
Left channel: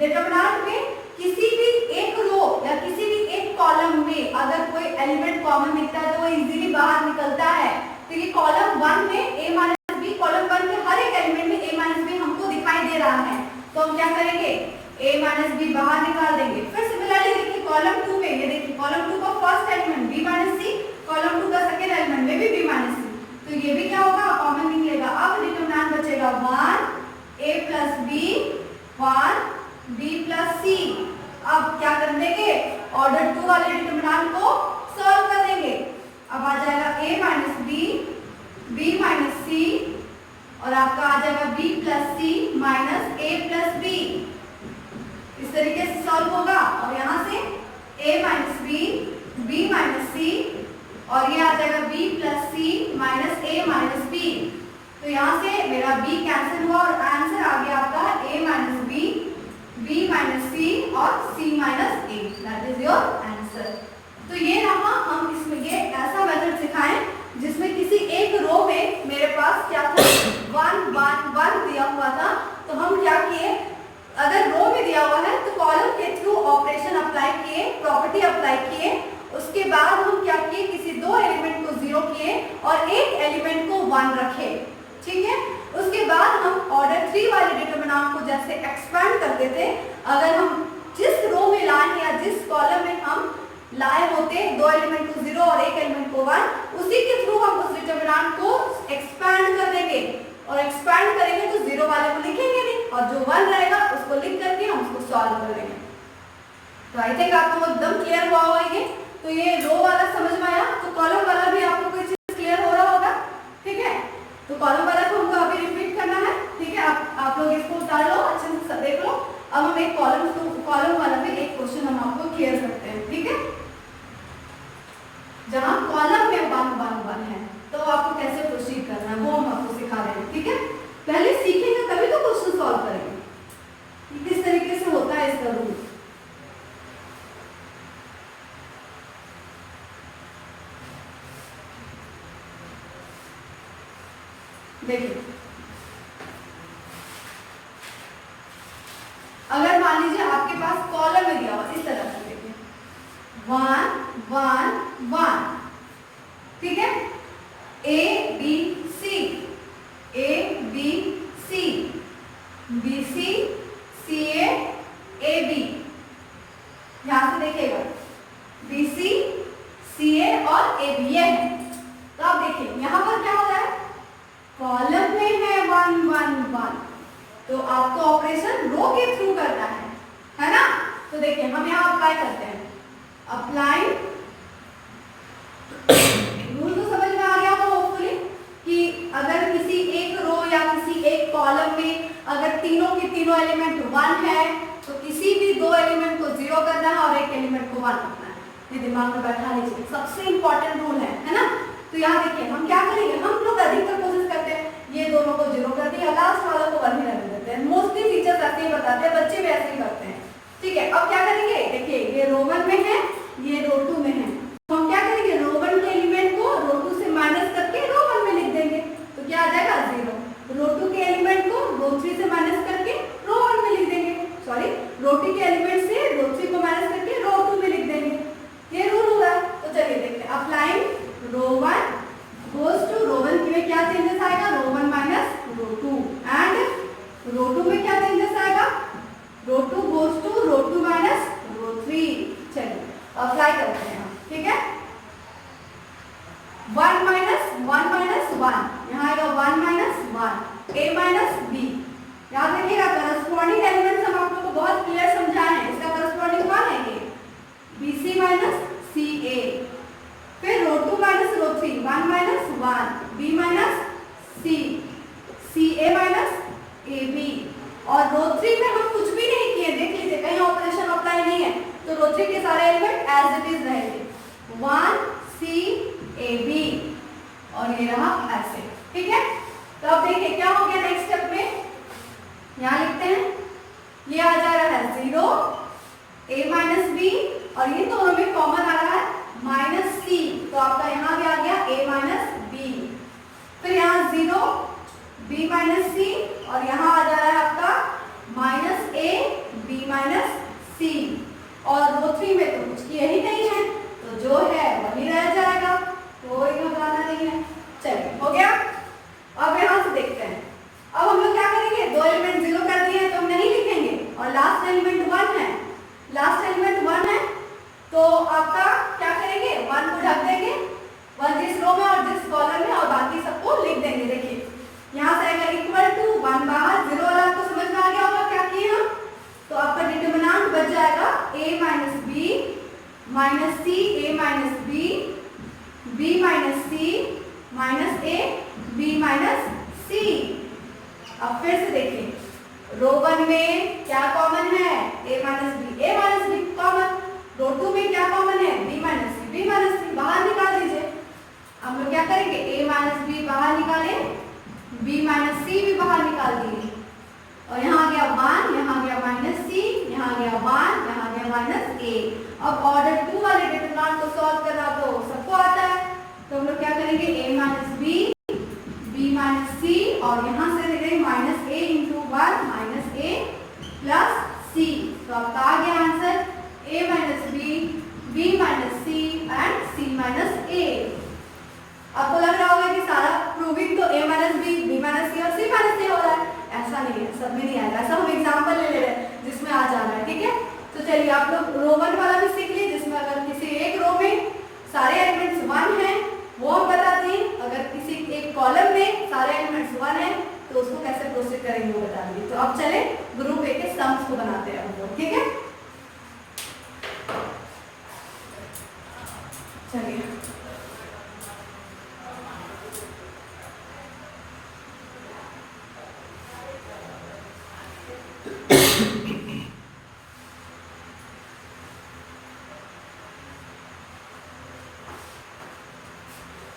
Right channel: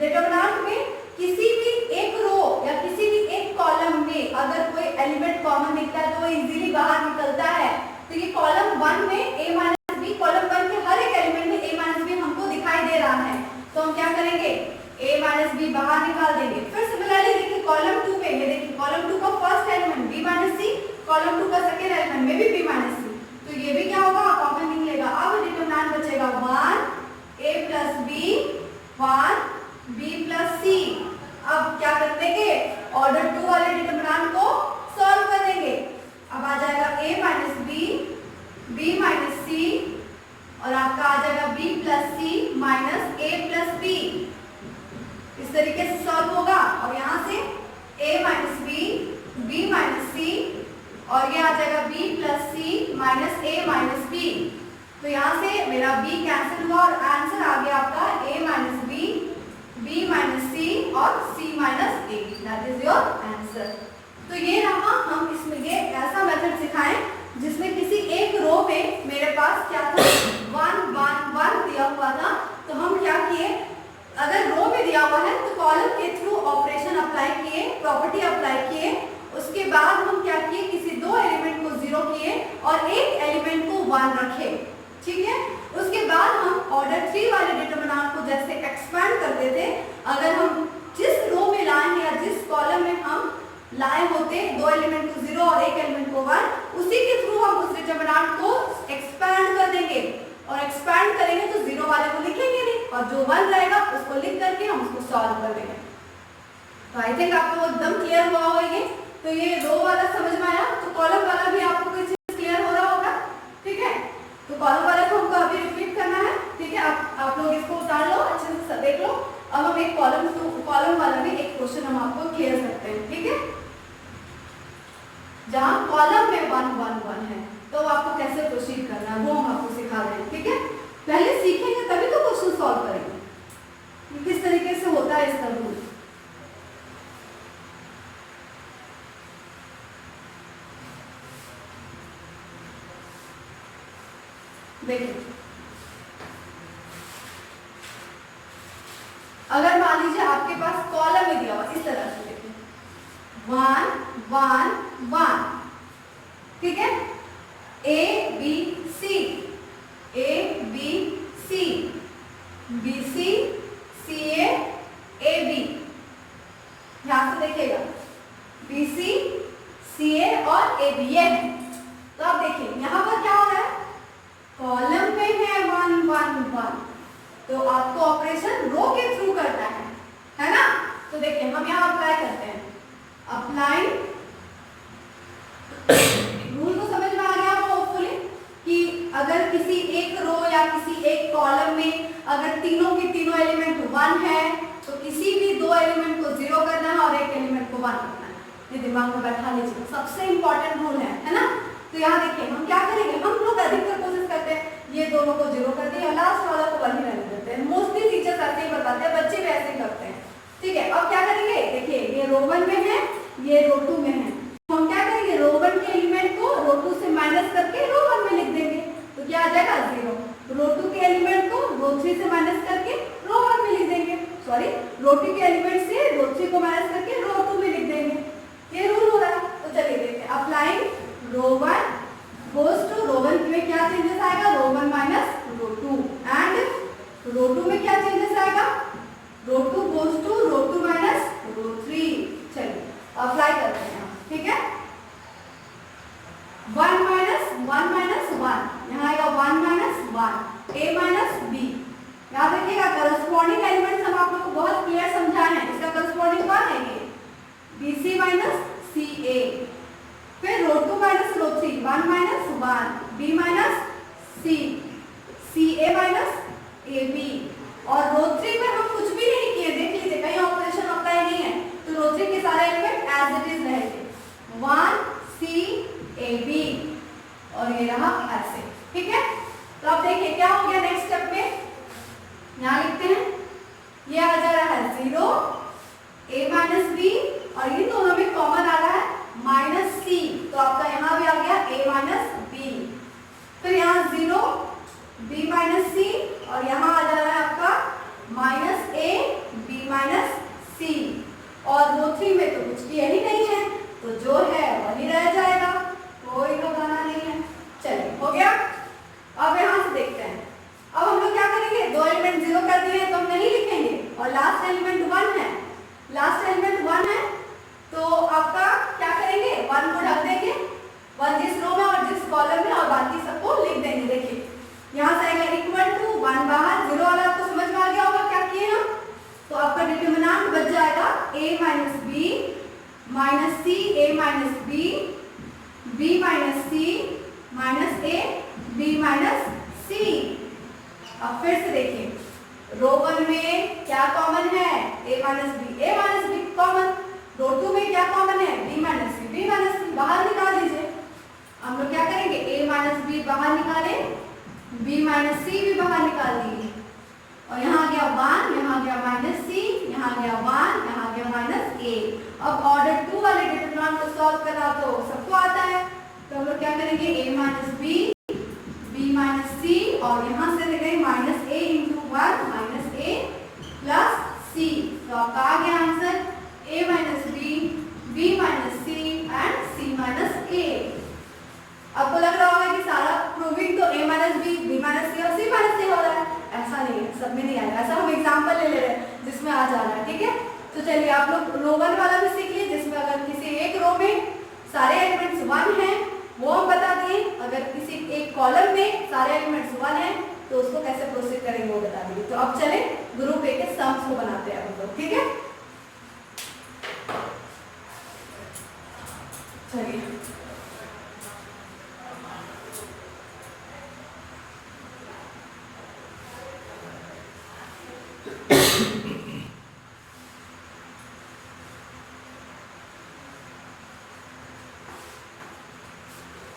डिटरमिनेंट में किसी भी एक रो या किसी भी एक कॉलम में अगर कोई एलिमेंट कॉमन दिखता है तो वो इजीली बाहर निकलता है। तो ये कॉलम 1 में a माइनस बी, कॉलम 1 के हर एक एलिमेंट में a माइनस बी हमको दिखाई दे रहा है, तो हम क्या करेंगे, a माइनस बी बाहर निकाल देंगे। फिर सिमिलरली देखिए कॉलम 2 में, ये देखिए कॉलम 2 का फर्स्ट एलिमेंट b माइनस सी, कॉलम 2 का सेकेंड एलिमेंट में भी b माइनस सी, तो ये भी क्या होगा, कॉमन निकलेगा। अब डिटरमिनेंट बचेगा 1 a plus B, 1 b plus C. अब क्या कर देंगे, ऑर्डर 2 वाले डिटरमिनेंट को सॉल्व कर देंगे। अब आ जाएगा a minus B, b minus C और आपका आ जाएगा b plus C minus a plus B. इस तरीके से सॉल्व होगा और यहाँ से a minus B, b minus C और ये आ जाएगा b plus C minus a minus B. तो यहाँ से मेरा b कैंसिल हुआ और आंसर आ गया आपका a minus B, b minus C और c minus a, that is your answer. तो ये रहा, हम इसमें ये ऐसा मेथड सिखाएं जिसमें किसी एक रो में मेरे पास क्या था, 1 1 1 दिया हुआ था, तो हम क्या किए, अगर रो में दिया हुआ है तो कॉलम के थ्रू ऑपरेशन अप्लाई किए, प्रॉपर्टी अप्लाई किए, उसके बाद हम क्या किए, किसी 2 एलिमेंट को 0 किए और एक एलिमेंट को 1 रखे, ठीक है। उसके बाद हम ऑर्डर 3 वाले डिटरमिनेंट को जैसे एक्सपैंड करते थे, अगर हम जिस रो में लाए हैं या जिस कॉलम में हम लाए होते 2 एलिमेंट को 0 और एक एलिमेंट को 1, उसी के थ्रू हम उस डिटरमिनेंट को एक्सपैंड कर देंगे और एक्सपैंड करेंगे तो 0 वाले को लिखेंगे नहीं और जो 1 रहेगा उसको लिख करके हम उसको सॉल्व कर देंगे। तो आई थिंक आपको एकदम क्लियर हुआ होगा ये। तो ये रो वाला समझ में आया, तो कॉलम वाला भी आपको कोई चीज क्लियर हो रहा होगा, ठीक है। तो कॉलम वाला को हमको अभी रिपीट करना है, ठीक है। आप लोग इसको उतार लो, अच्छे से देख लो। अब हम एक कॉलम वाला भी एक क्वेश्चन हम आपको क्लियर करते हैं, ठीक है। जहां कॉलम में 1 1 1 है तो आपको कैसे प्रोसीड करना है वो हम सीखेंगे तभी तो क्वेश्चन सॉल्व करेंगे कि किस तरीके से होता है इसका रूल। देखिए अगर मान लीजिए आपके पास कॉलम में दिया हुआ इस तरह से, देखिए 1 1 1, ठीक है, A B C A B C B C C A A B, यहां से देखिएगा B C C A और A B ये है। तो आप देखिए यहां पर क्या हो रहा है, कॉलम में है 1 1 1, तो आपको ऑपरेशन रो के थ्रू करना है ना। तो देखिए हम यहाँ अप्लाई करते हैं, अप्लाई रूल तो समझ में आ गया होगा होपफुली कि अगर किसी एक रो या किसी एक कॉलम में अगर तीनों के तीनों एलिमेंट 1 है तो किसी भी दो एलिमेंट को 0 करना है और एक एलिमेंट को 1 रखना है। ये दिमाग में बैठा लीजिए, सबसे इंपॉर्टेंट रूल है ना। तो यहाँ देखिए हम क्या करेंगे, हम लोग अधिकतर कोशिश करते हैं ये दोनों को 0 कर दिया, लास्ट वाला को 1 ही रहने देते हैं। मोस्टली टीचर्स ऐसे ही बताते हैं, बच्चे भी ऐसे ही करते हैं, ठीक है। अब क्या करेंगे, देखिए ये रो 1 में है, ये रो 2 में है, तो हम क्या करेंगे रो 1 के एलिमेंट को रो 2 से माइनस करके रो 1 में लिख देंगे, तो क्या आ जाएगा 0। रो 2 के एलिमेंट को रो 3 से माइनस करके रो 1 में लिख देंगे, सॉरी रो 2 के एलिमेंट से रो 3 को माइनस करके रो 2 में लिख देंगे। ये रूल हो रहा है। तो चलिए देखते हैं, अप्लाइंग रो 1 goes to रो 1 में क्या चेंजेस आएगा, रो 1 माइनस रो 2 एंड रो 2 में क्या चेंजेस आएगा, row 2 goes to row 2 minus row 3। चलिए अप्लाई करते हैं, ठीक है। 1 माइनस 1 यहाँ आएगा 1 माइनस 1 a माइनस b। याद रखिएगा करस्पॉन्डिंग एलिमेंट्स हम आप लोग को बहुत क्लियर समझाए हैं, इसका करस्पॉन्डिंग कौन है ये bc माइनस ca, फिर रो 2 minus row 3 1 minus 1 b minus c ca minus ab, और रो 3 में हम कुछ भी नहीं किए, देख लीजिए कहीं ऑपरेशन अप्लाई नहीं है, तो रो 3 के सारे एलिमेंट एज इट इज रहेंगे 1 c a b और ये रहा ऐसे, ठीक है। तो अब देखिए क्या हो गया नेक्स्ट स्टेप में, यहाँ लिखते हैं ये आ जा रहा है 0 a माइनस b और ये दोनों में कॉमन आ रहा है माइनस c, तो आपका यहाँ भी आ गया a माइनस b, फिर यहाँ 0 b माइनस c और यहाँ आ जा रहा है आपका minus a b minus c, और रो 3 में तो कुछ किया ही नहीं है, तो जो है वही रह जाएगा, कोई घबराना नहीं है। चलिए हो गया। अब यहाँ से देखते हैं, अब हम लोग क्या करेंगे, दो एलिमेंट 0 कर दिए तो हम नहीं लिखेंगे, और लास्ट एलिमेंट 1 है, लास्ट एलिमेंट 1 है, तो आपका क्या करेंगे 1 को ढक देंगे, 1 जिस रो में और जिस कॉलम में, और बाकी सबको लिख देंगे। देखिए यहाँ से आएगा इक्वल टू 1 बाहर, 0 वाला आपको समझ में आ गया होगा क्या किए हम, तो आपका डिटरमिनेंट बच जाएगा a minus b minus c a minus b b minus c minus a b minus c। अब फिर से देखिए रो 1 में क्या कॉमन है a माइनस b कॉमन, रो 2 में क्या कॉमन है b माइनस c बाहर निकाल दीजिए। हम लोग क्या करेंगे a माइनस b बाहर निकाले, b माइनस c भी बाहर निकाल दिए, और यहाँ आ गया 1, यहाँ आ गया माइनस c, यहाँ आ गया 1, यहाँ आ गया माइनस a। अब ऑर्डर 2 वाले डिटरमिनेंट को सॉल्व करना तो सबको आता है, तो हम लोग क्या करेंगे a minus b minus c, और यहाँ से लेंगे minus a into 1 minus a plus c, तो आपका आ गया answer a minus b minus c and c minus a। आपको लग रहा होगा कि सारा प्रूविंग तो a minus b minus c और c माइनस a हो रहा है, ऐसा नहीं है, सब में नहीं आएगा, ऐसा हम एग्जाम्पल ले रहे हैं जिसमें आ जा रहा है, ठीक है। तो चलिए आप लोग रो 1 वाला भी सीख लीजिए, जिसमें अगर किसी एक रो में सारे एलिमेंट्स 1 हैं वो हम बताते हैं, अगर किसी एक कॉलम में सारे एलिमेंट्स 1 हैं तो उसको कैसे प्रोसीड करेंगे वो बता देंगे। तो अब चले ग्रुप ए के सम्स को बनाते हैं हम लोग, ठीक है। चलिए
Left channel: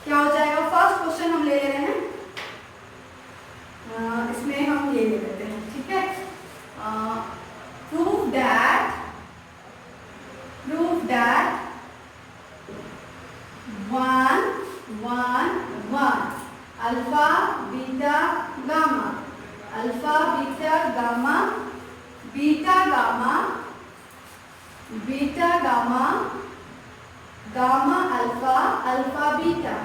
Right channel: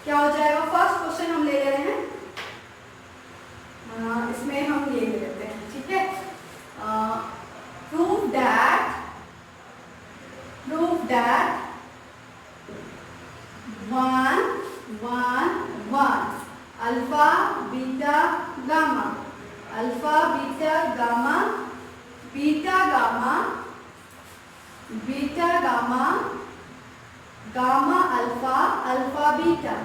क्या हो जाएगा, फर्स्ट क्वेश्चन हम ले रहे हैं, इसमें हम alpha beta gamma, alpha beta gamma, beta gamma, beta gamma, gamma alpha, alpha beta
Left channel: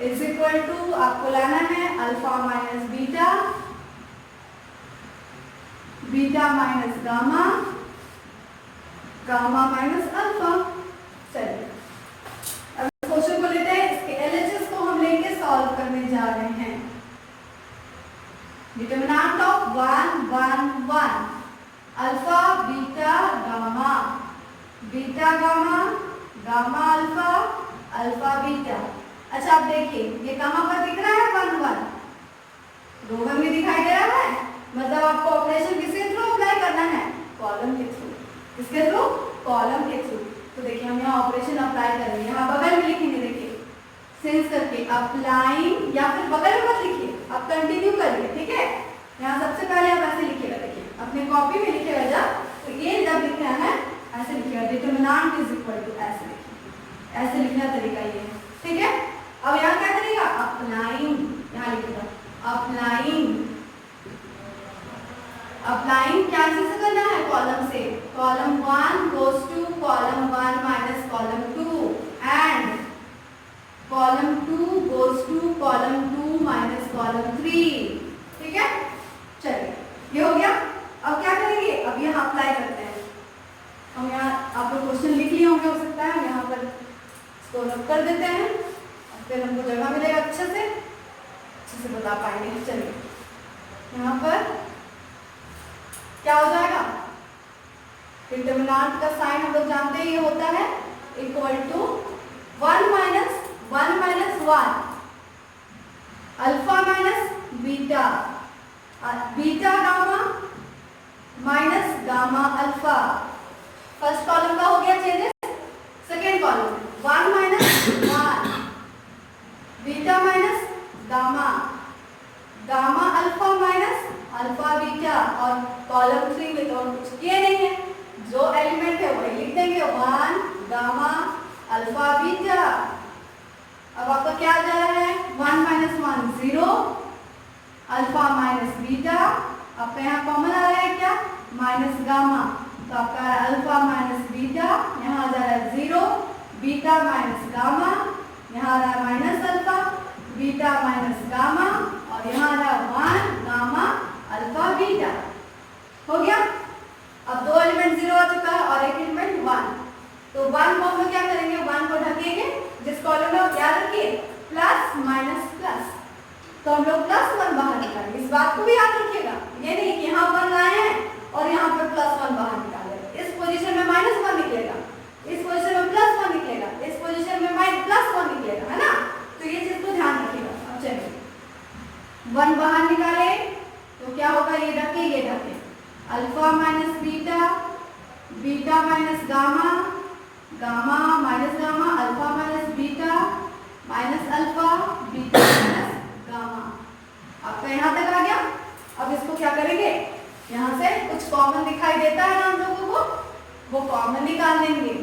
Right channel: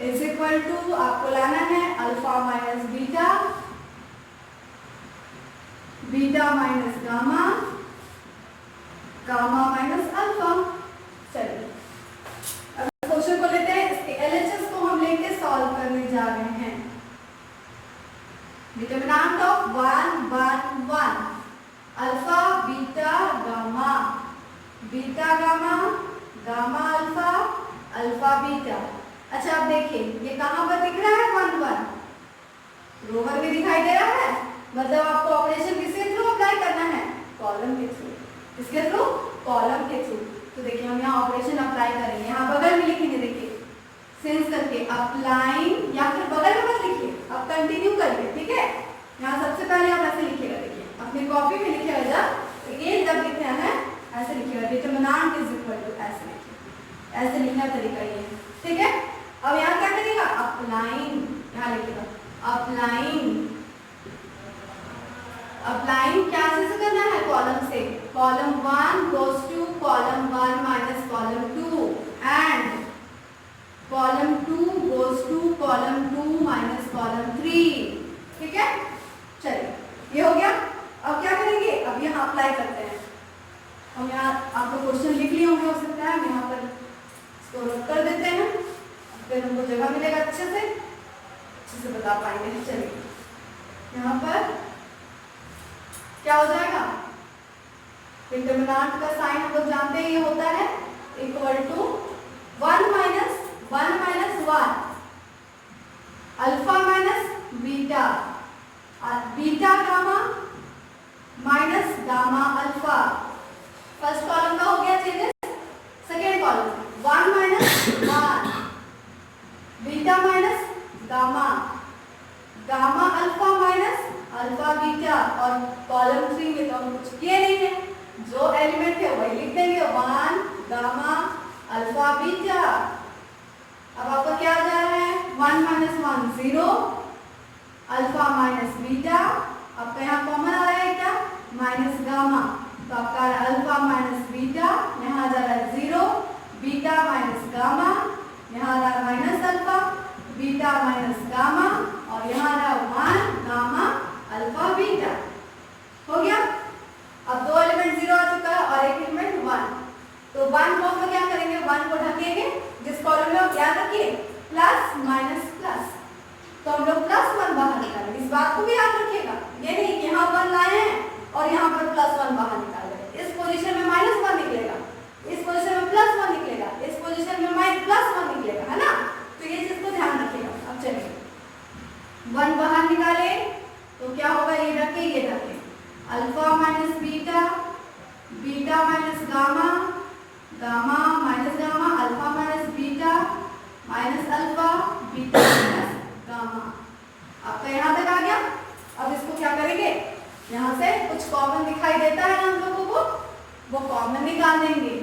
is equal to आपको लाना है alpha minus beta, beta minus gamma, gamma minus alpha. चलिए अब क्वेश्चन को लेते हैं, इसके एलएचएस को हम लेके सॉल्व करने जा रहे हैं। Determinant of 1 1 1 alpha beta gamma, beta gamma, gamma alpha, alpha beta. अच्छा आप देखिए ये कहां पर दिख रहा है 1 1, रोमन में दिखाई दे रहा है, मतलब आपको ऑपरेशन किसके थ्रू अप्लाई करना है, कॉलम के थ्रू। किसके थ्रू, कॉलम के थ्रू। तो देखिए हम यहाँ ऑपरेशन अप्लाई करेंगे, यहाँ बगल में लिखेंगे, देखिए सेंस करके अप्लाइंग, या फिर बगल में मत लिखिए, आप कंटिन्यू करिए, ठीक है। यहाँ सबसे पहले आप ऐसे लिखिएगा, देखिए अपने कॉपी में लिखेगा जब, ये जब लिख रहे हैं ऐसे लिखिएगा, डिटरमिनेंट इज इक्वल टू ऐसे लिखिए, ऐसे लिखने का तरीका ये है, ठीक है। अब यहाँ क्या करिएगा, अप्लाइंग, यहाँ लिखिएगा अप्लाइंग, अप्लाइंग क्या से करना है, कॉलम से, column 1 goes to column 1 minus column 2 and column 2 goes to column 2 minus column 3, ठीक है। चलिए ये हो गया। अब क्या करेंगे, अब यहाँ अप्लाई करते हैं। हम यहाँ आप लोग क्वेश्चन लिख लिए होंगे, हो सकता है यहाँ पर इसको नोट कर देते हैं, फिर हमको जगह मिलेगा अच्छे से बता पाएंगे। चलिए यहाँ पर क्या हो जाएगा, डिटरमिनेंट का साइन हम लोग जानते हैं ये होता है equal to 1 minus 1 alpha minus beta, beta gamma minus gamma alpha. First column का हो गया changes, second column 1 minus 1 beta minus gamma, gamma alpha minus alpha beta, और कॉलम 3 में तो हम कुछ किए नहीं है, जो एलिमेंट है वही लिख देंगे, 1 गामा अल्फा बीटा। अब आपका क्या आ जा रहा है, 1 माइनस 1 0, अल्फा माइनस बीटा, आपका यहाँ कॉमन आ रहा है क्या, माइनस गामा, तो आपका अल्फा माइनस बीटा, यहाँ आ जा रहा है 0, बीटा माइनस गामा, यहाँ आ रहा है minus alpha, beta minus gamma, और यहाँ आ रहा 1 गामा अल्फा बीटा। हो गया। अब दो एलिमेंट 0 आ चुका है और एक एलिमेंट 1, तो 1 को हम क्या करेंगे, 1 को ढकेंगे, जिस कॉलम में आप याद रखिए प्लस माइनस प्लस, तो हम लोग +1 बाहर निकालेंगे। इस बात को भी याद रखिएगा, ये नहीं कि यहाँ पर लाए हैं और यहाँ पर +1 बाहर निकाले, इस पोजीशन में -1 निकलेगा, इस पोजीशन में +1 निकलेगा, इस पोजीशन में +1 निकलेगा, है ना। तो ये चीज को ध्यान रखिएगा। अब चलिए 1 बाहर निकाले तो क्या होगा, ये रखे alpha minus beta, beta minus gamma, gamma minus gamma, alpha minus beta minus alpha, beta minus gamma. आपका यहाँ तक आ गया। अब इसको क्या करेंगे, यहाँ से कुछ कॉमन दिखाई देता है ना हम लोगों को, वो कॉमन निकाल लेंगे।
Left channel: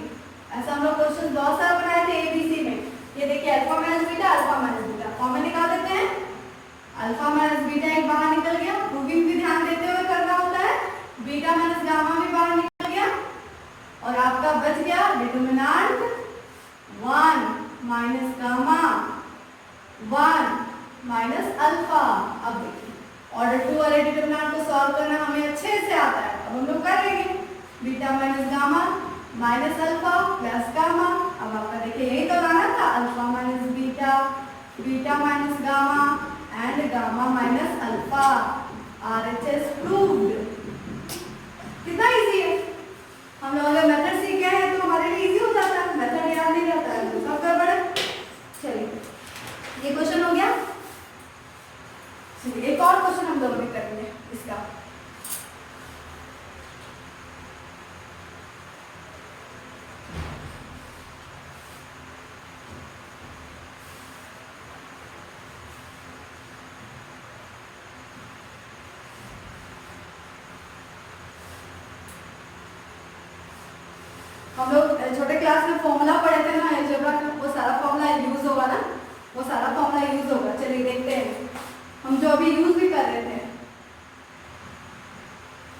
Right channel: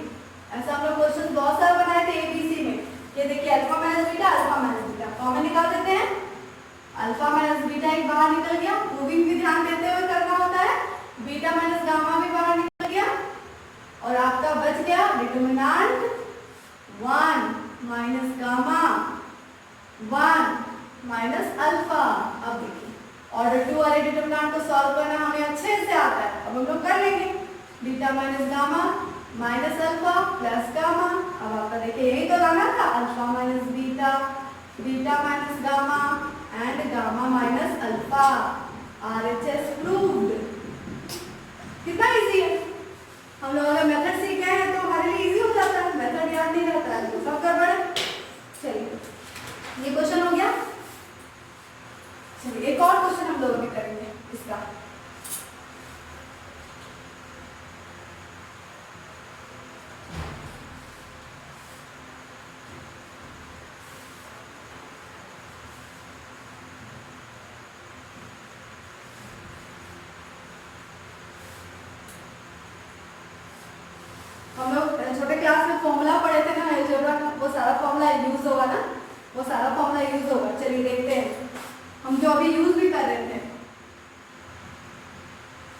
ऐसा हम लोग क्वेश्चन बहुत सारा बनाए थे एबीसी में। ये देखिए alpha minus beta, alpha minus beta, common निकाल देते हैं। अल्फा माइनस बीटा एक बाहर निकल गया, मूविंग भी ध्यान देते हुए करना होता है। बीटा माइनस गामा भी बाहर निकल गया, और आपका बच गया determinant 1 minus gamma, 1 minus alpha. अब देखिए ऑर्डर 2 वाले डिटरमिनेंट को सॉल्व करना हमें अच्छे से आता है, अब हम लोग कर लेंगे। Beta minus gamma minus alpha plus gamma, अब आपका देखिए यही तो लाना था, alpha minus beta, beta minus gamma and gamma minus alpha. RHS proved. कितना इजी है, हम लोग अगर मेथड सीख गए हैं तो हमारे लिए इजी हो जाता है, मेथड याद नहीं रहता है तो सब गड़बड़ है। चलिए ये क्वेश्चन हो गया। चलिए एक और क्वेश्चन हम लोग भी करेंगे इसका। हम लोग छोटे क्लास में फॉर्मूला पढ़े थे ना अलजेब्रा का, वो सारा फॉर्मूला यूज होगा ना, वो सारा फॉर्मूला यूज होगा। चलिए देखते हैं हम जो अभी यूज भी कर रहे थे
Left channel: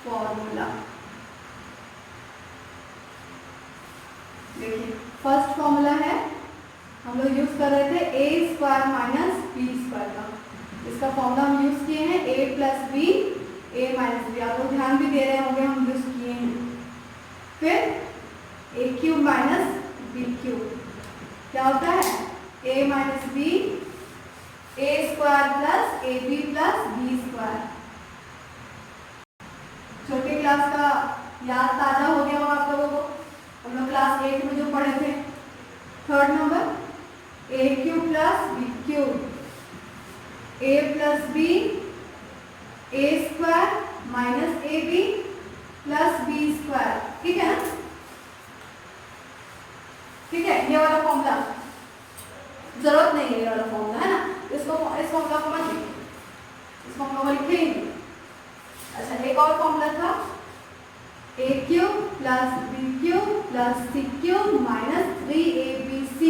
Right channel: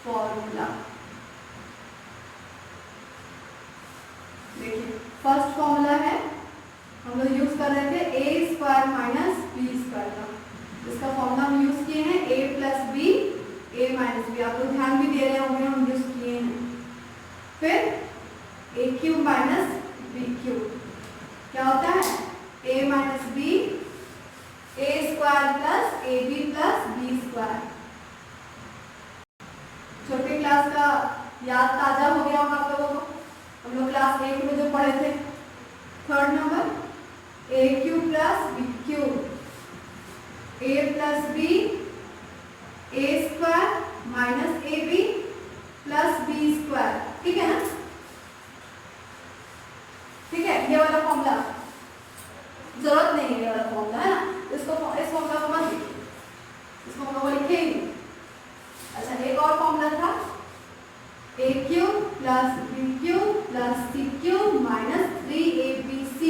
फॉर्मूला। देखिए फर्स्ट फॉर्मूला है, हम लोग यूज कर रहे थे ए स्क्वायर माइनस बी स्क्वायर का। इसका फॉर्मूला हम यूज किए हैं ए प्लस बी ए माइनस बी। आप लोग ध्यान भी दे रहे होंगे, हम यूज किए हैं। फिर A cube minus B cube क्या होता है, A minus B A square plus A B plus B square. छोटे क्लास का याद ताजा हो गया होगा आप लोगों को, हम लोग क्लास 8 में जो पढ़े थे। Third number a cube plus B cube a plus b A square minus A B plus B square. ठीक है ना, ठीक है। ये वाला फॉर्मूला जरूरत नहीं है, ये वाला फॉर्मूला है ना, इसको इस फॉर्मूला को मत लिखिए, इस फॉर्मूला को लिखेंगे। अच्छा एक और फॉर्मूला था A cube plus B cube plus C cube minus 3abc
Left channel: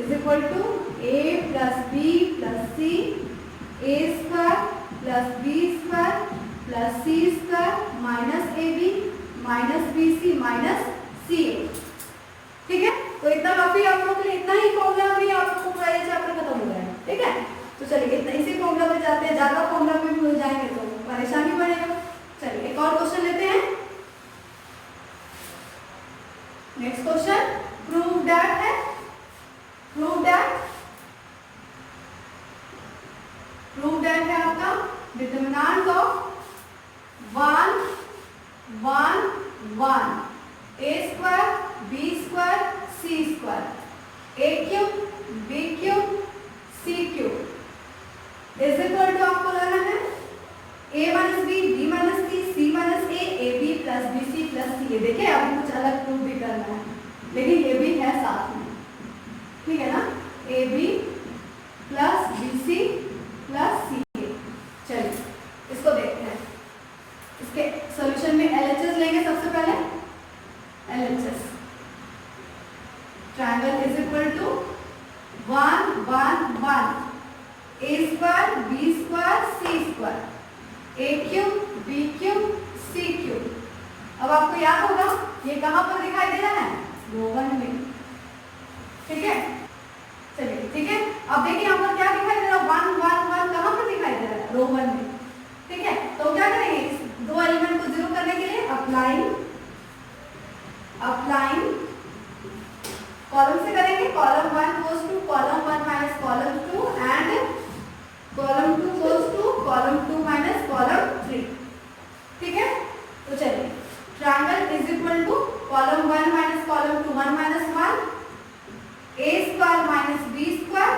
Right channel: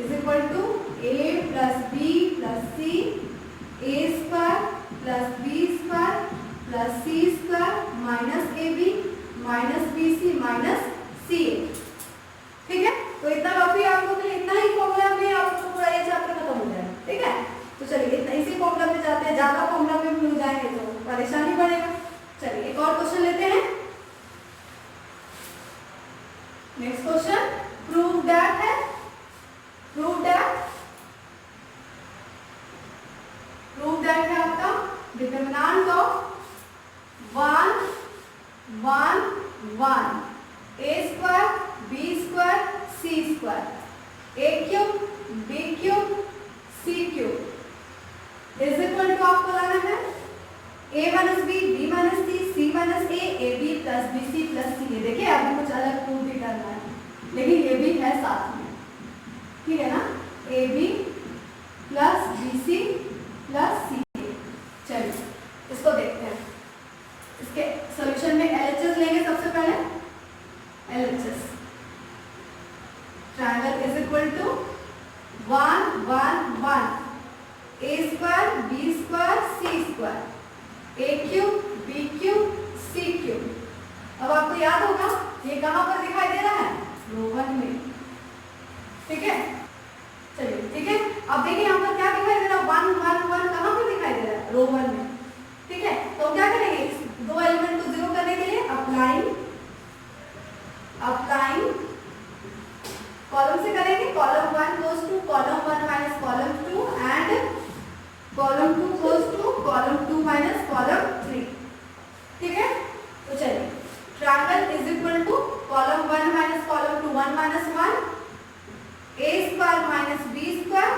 is equal to A plus B plus C A square plus B square plus C square minus A B minus B C minus C A. ठीक है, तो इतना काफी आप लोगों के लिए, इतना ही फॉर्मूला में आपको पूरा ये चैप्टर खत्म हो जाएगा। ठीक है, तो चलिए इतना इसी फॉर्मूला में जाते हैं, ज्यादा फॉर्मूला में भूल जाएंगे तो परेशानी बढ़ेगा। चलिए एक और क्वेश्चन लेते हैं। नेक्स्ट क्वेश्चन प्रूव दैट है, प्रूव दैट है आपका determinant of 1 1 1 A square B square C square A cube B cube C cube is equal to आपको लाना है A minus B minus C minus A B plus B C plus C A. देखिए अभी कुछ अलग prove भी करना है, लेकिन ये भी है साथ में। ठीक है ना, A B plus B C plus C A. चलिए इसको देखते हैं। इसके सॉल्यूशन में एलएचएस लेंगे सबसे पहले। LHS triangle is equal to 1 1 1 A square B square C square A cube B cube C cube. अब आपको याद होगा ये कहां पर दिखाई दे रहा है, रो 1 में। ठीक है, चलिए ठीक है। अब देखिए यहाँ पर क्या दिखाई दे रहा है, 1 1 1 कहां पर दिखाई दे रहा है, रो 1 में। ठीक है, तो क्या करेंगे, दो एलिमेंट को जीरो करने के लिए अप्लाइंग कॉलम से करेंगे। Column 1 goes to column 1 minus column 2 and column 2 goes to column 2 minus column 3। ठीक है, तो चलिए triangle is equal to column 1 minus column 2 1 minus 1 A square minus b square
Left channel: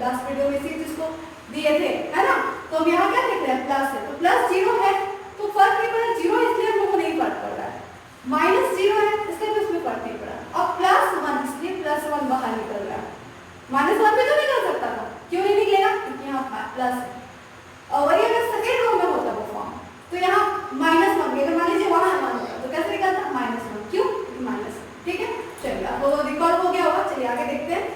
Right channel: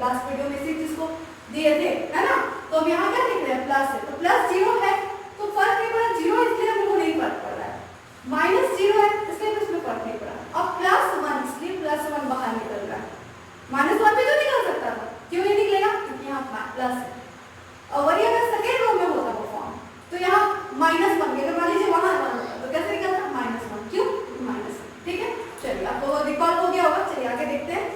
last video में इसी चीज को दिए थे, है ना। तो हम यहाँ क्या लिख रहे हैं, प्लस है, तो प्लस 0 है तो फर्क नहीं पड़ा, 0 इसलिए हम लोग को नहीं फर्क पड़ रहा है। माइनस 0 है इसलिए भी इसमें फर्क नहीं पड़ा। अब प्लस 1 इसलिए प्लस 1 बाहर निकल रहा है, माइनस 1 भी तो निकल सकता था, क्यों नहीं निकलेगा, क्योंकि यहाँ प्लस है। और वही अगर सेकेंड रो में होता वो फॉर्म तो यहाँ माइनस 1 अगर मान लीजिए वहां 1 होता तो कैसे निकलता, माइनस 1, क्यों, माइनस। ठीक है, चलिए आपको वो रिकॉल हो गया होगा। चलिए आगे देखते हैं,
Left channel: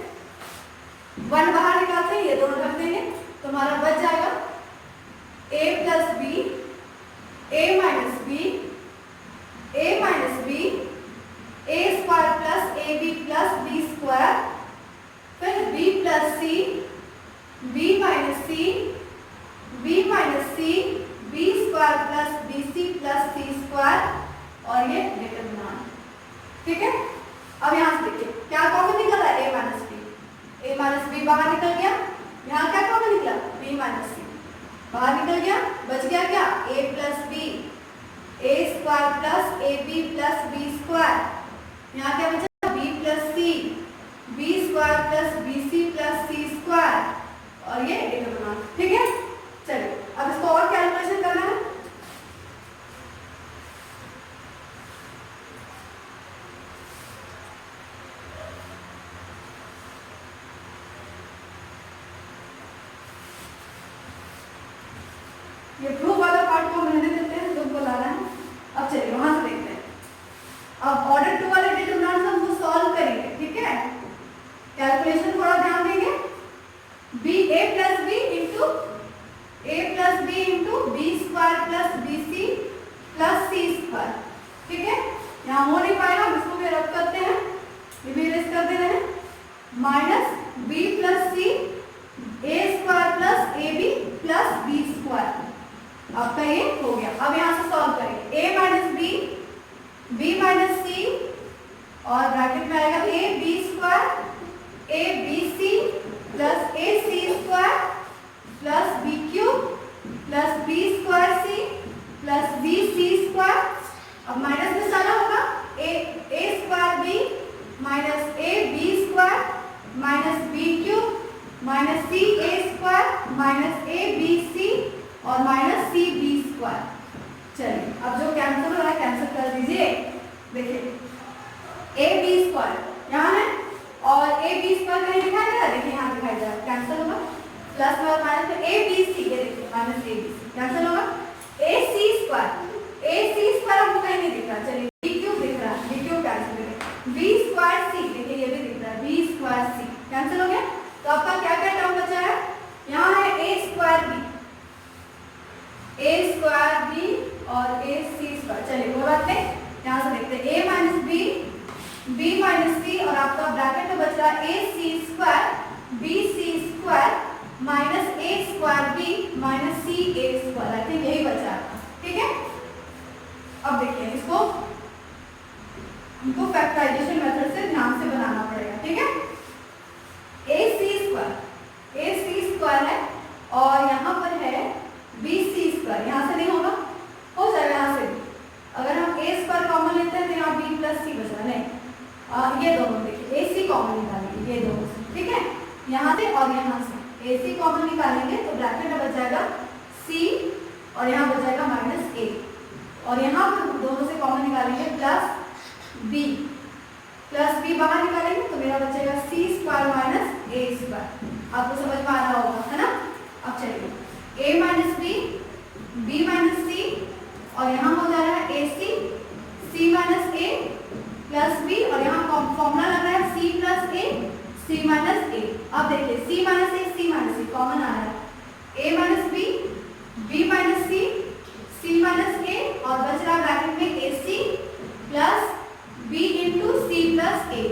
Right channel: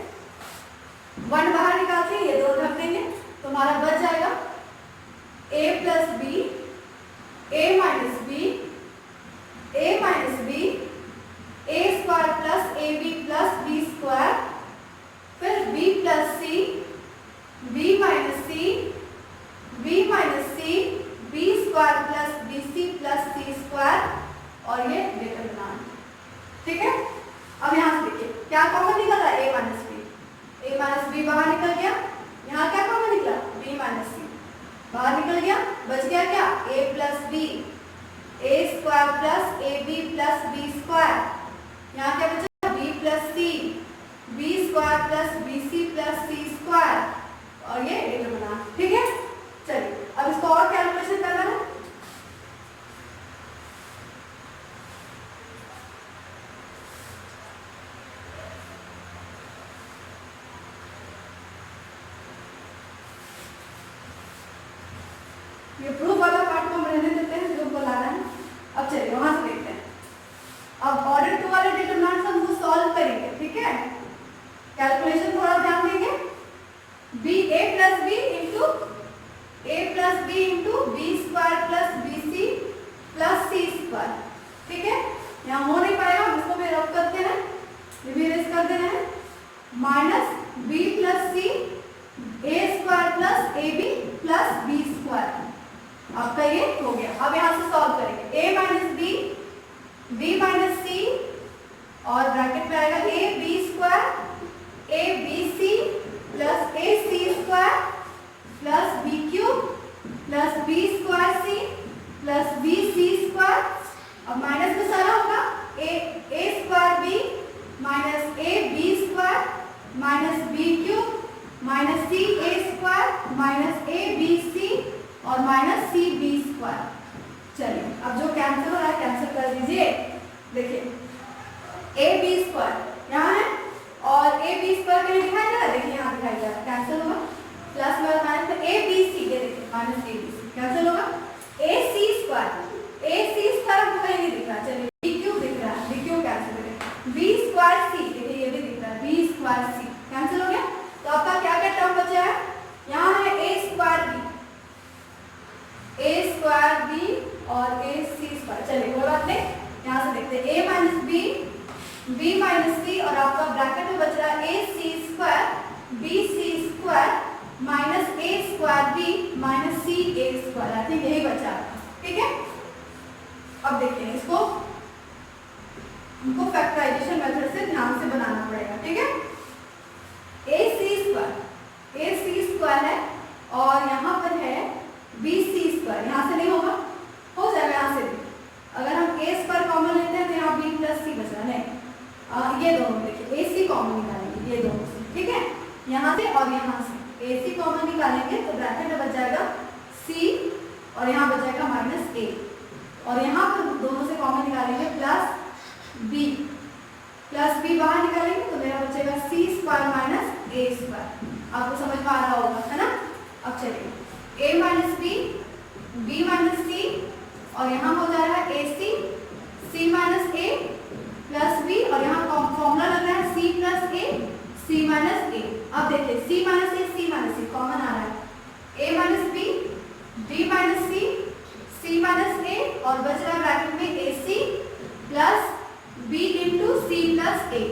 1 बाहर निकालते हैं, ये दोनों रख देंगे तो हमारा बच जाएगा a plus B, a minus B, a minus B, a square plus A B plus B square, फिर b प्लस सी, b minus C, b minus C, b square plus B C plus C square, और ये determinant. ठीक है, अब यहाँ से देखिए क्या कॉमन निकल रहा है, a minus B, a minus b बाहर निकल गया, यहाँ क्या कॉमन निकला, b माइनस सी बाहर निकल गया, बच गया क्या, a plus B, a square plus A B plus B square, यहाँ क्या बचा, b प्लस सी, b square plus B C plus C square, और ये डिटरमिनेंट। ठीक है, चलिए अब इसको और कैलकुलेशन करना है। ये प्रूफ वाला पार्ट को हम रहने देते हैं, जो को लाना है। अब चलिए वहां से देखते हैं। अब ऑर्डर 2 वाले डिटरमिनेंट्स हम वो सॉल्व करेंगे। ठीक है, कैलकुलेशन थोड़ा ध्यान देंगे। B A plus B into B square plus B C plus C square. ठीक है, यहाँ हो नहीं पाएगा, हम इसको भी रब करते हैं, ये भी रेस कर दे रहे हैं, minus b plus C, A square plus A B plus B square. आपका ये हो गया। अब यहाँ से सॉल्व करेंगे, a minus B, b minus C, और ब्रैकेट में आएगा a b square, a b C plus a C square plus b cube plus b square C plus b C square. अब माइनस में सारा होगा, a square b minus a b square minus b cube minus c a square minus a b C और minus C B square. चलिए अब जो cancel हो रहा है कैंसिल कर दीजिए। देखिए ए बी स्क्वायर यहाँ है और ए बी स्क्वायर कहीं दिखाई दे रहा है, देखिए यहाँ दिखाई दे रहा है, कैंसिल होगा, प्लस में माइनस, तो ए बी सी, ये देखिए माइनस ए बी सी कैंसिल होगा। ए सी स्क्वायर हमको कहीं नहीं दिख रहा, चलिए बी क्यूब दिख रहा है, बी क्यूब कैंसिल हो गया, बी स्क्वायर सी, देखिए ये भी दिख रहा है, बी स्क्वायर सी कैंसिल हो गया। तो आपका क्या क्या टर्म बचा है, यहाँ है ए स्क्वायर बी और ए सी स्क्वायर। चलिए कोई बात नहीं, यहाँ से देखते हैं A minus B, B minus C, और आपका ब्रैकेट में बच रहा है A C square B C square minus A square B minus C A square. I think यही बचा है। ठीक है, अब देखिए इसको हमको फैक्टराइजेशन मेथड से ध्यान से बनाना पड़ेगा। ठीक है, ए सी स्क्वायर है और यहाँ पर है बी सी स्क्वायर, यहाँ से नहीं होगा, हो जाएगा यहाँ से भी। अगर हम ए स्क्वायर कॉमन लेते हैं तो यहाँ बी प्लस सी बच रहा नहीं, ये दोनों देखिए ए सी कॉमन निकालेंगे, ये दोनों से। ठीक है, यहाँ से और यहाँ से ए सी कॉमन निकालेंगे तो ब्रैकेट में बच जाएगा सी और यहाँ बच जाएगा माइनस ए, और यहाँ पर दोनों से कॉमन निकालेंगे प्लस बी बाहर निकालेंगे तो मेरा बचेगा सी स्क्वायर माइनस ए स्क्वायर। आपको समझ में आ रहा होगा, है ना। अब चलिए ए माइनस बी माइनस सी, और यहाँ हो जा रहा है A C minus A plus B, और यहाँ फॉर्मूला लग रहा है सी प्लस ए सी माइनस ए। अब देखिए सी माइनस ए कॉमन आ रहा है, A minus B minus C minus ए, और बच रहा है ब्रैकेट में A C plus B into C plus A.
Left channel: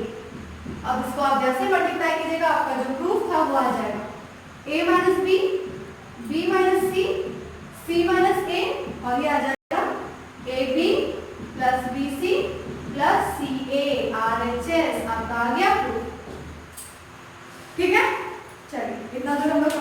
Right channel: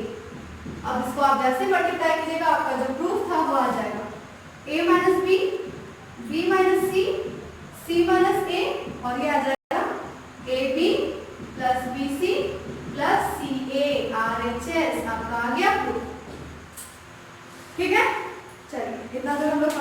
अब इसको आप जैसे मल्टीप्लाई कीजिएगा आपका जो प्रूफ था वो आ जाएगा, a minus B minus C minus ए, और ये आ जाएगा a B plus B C plus C a RHS। आपका आ गया प्रूफ। ठीक है, चलिए इतना तो हम लोग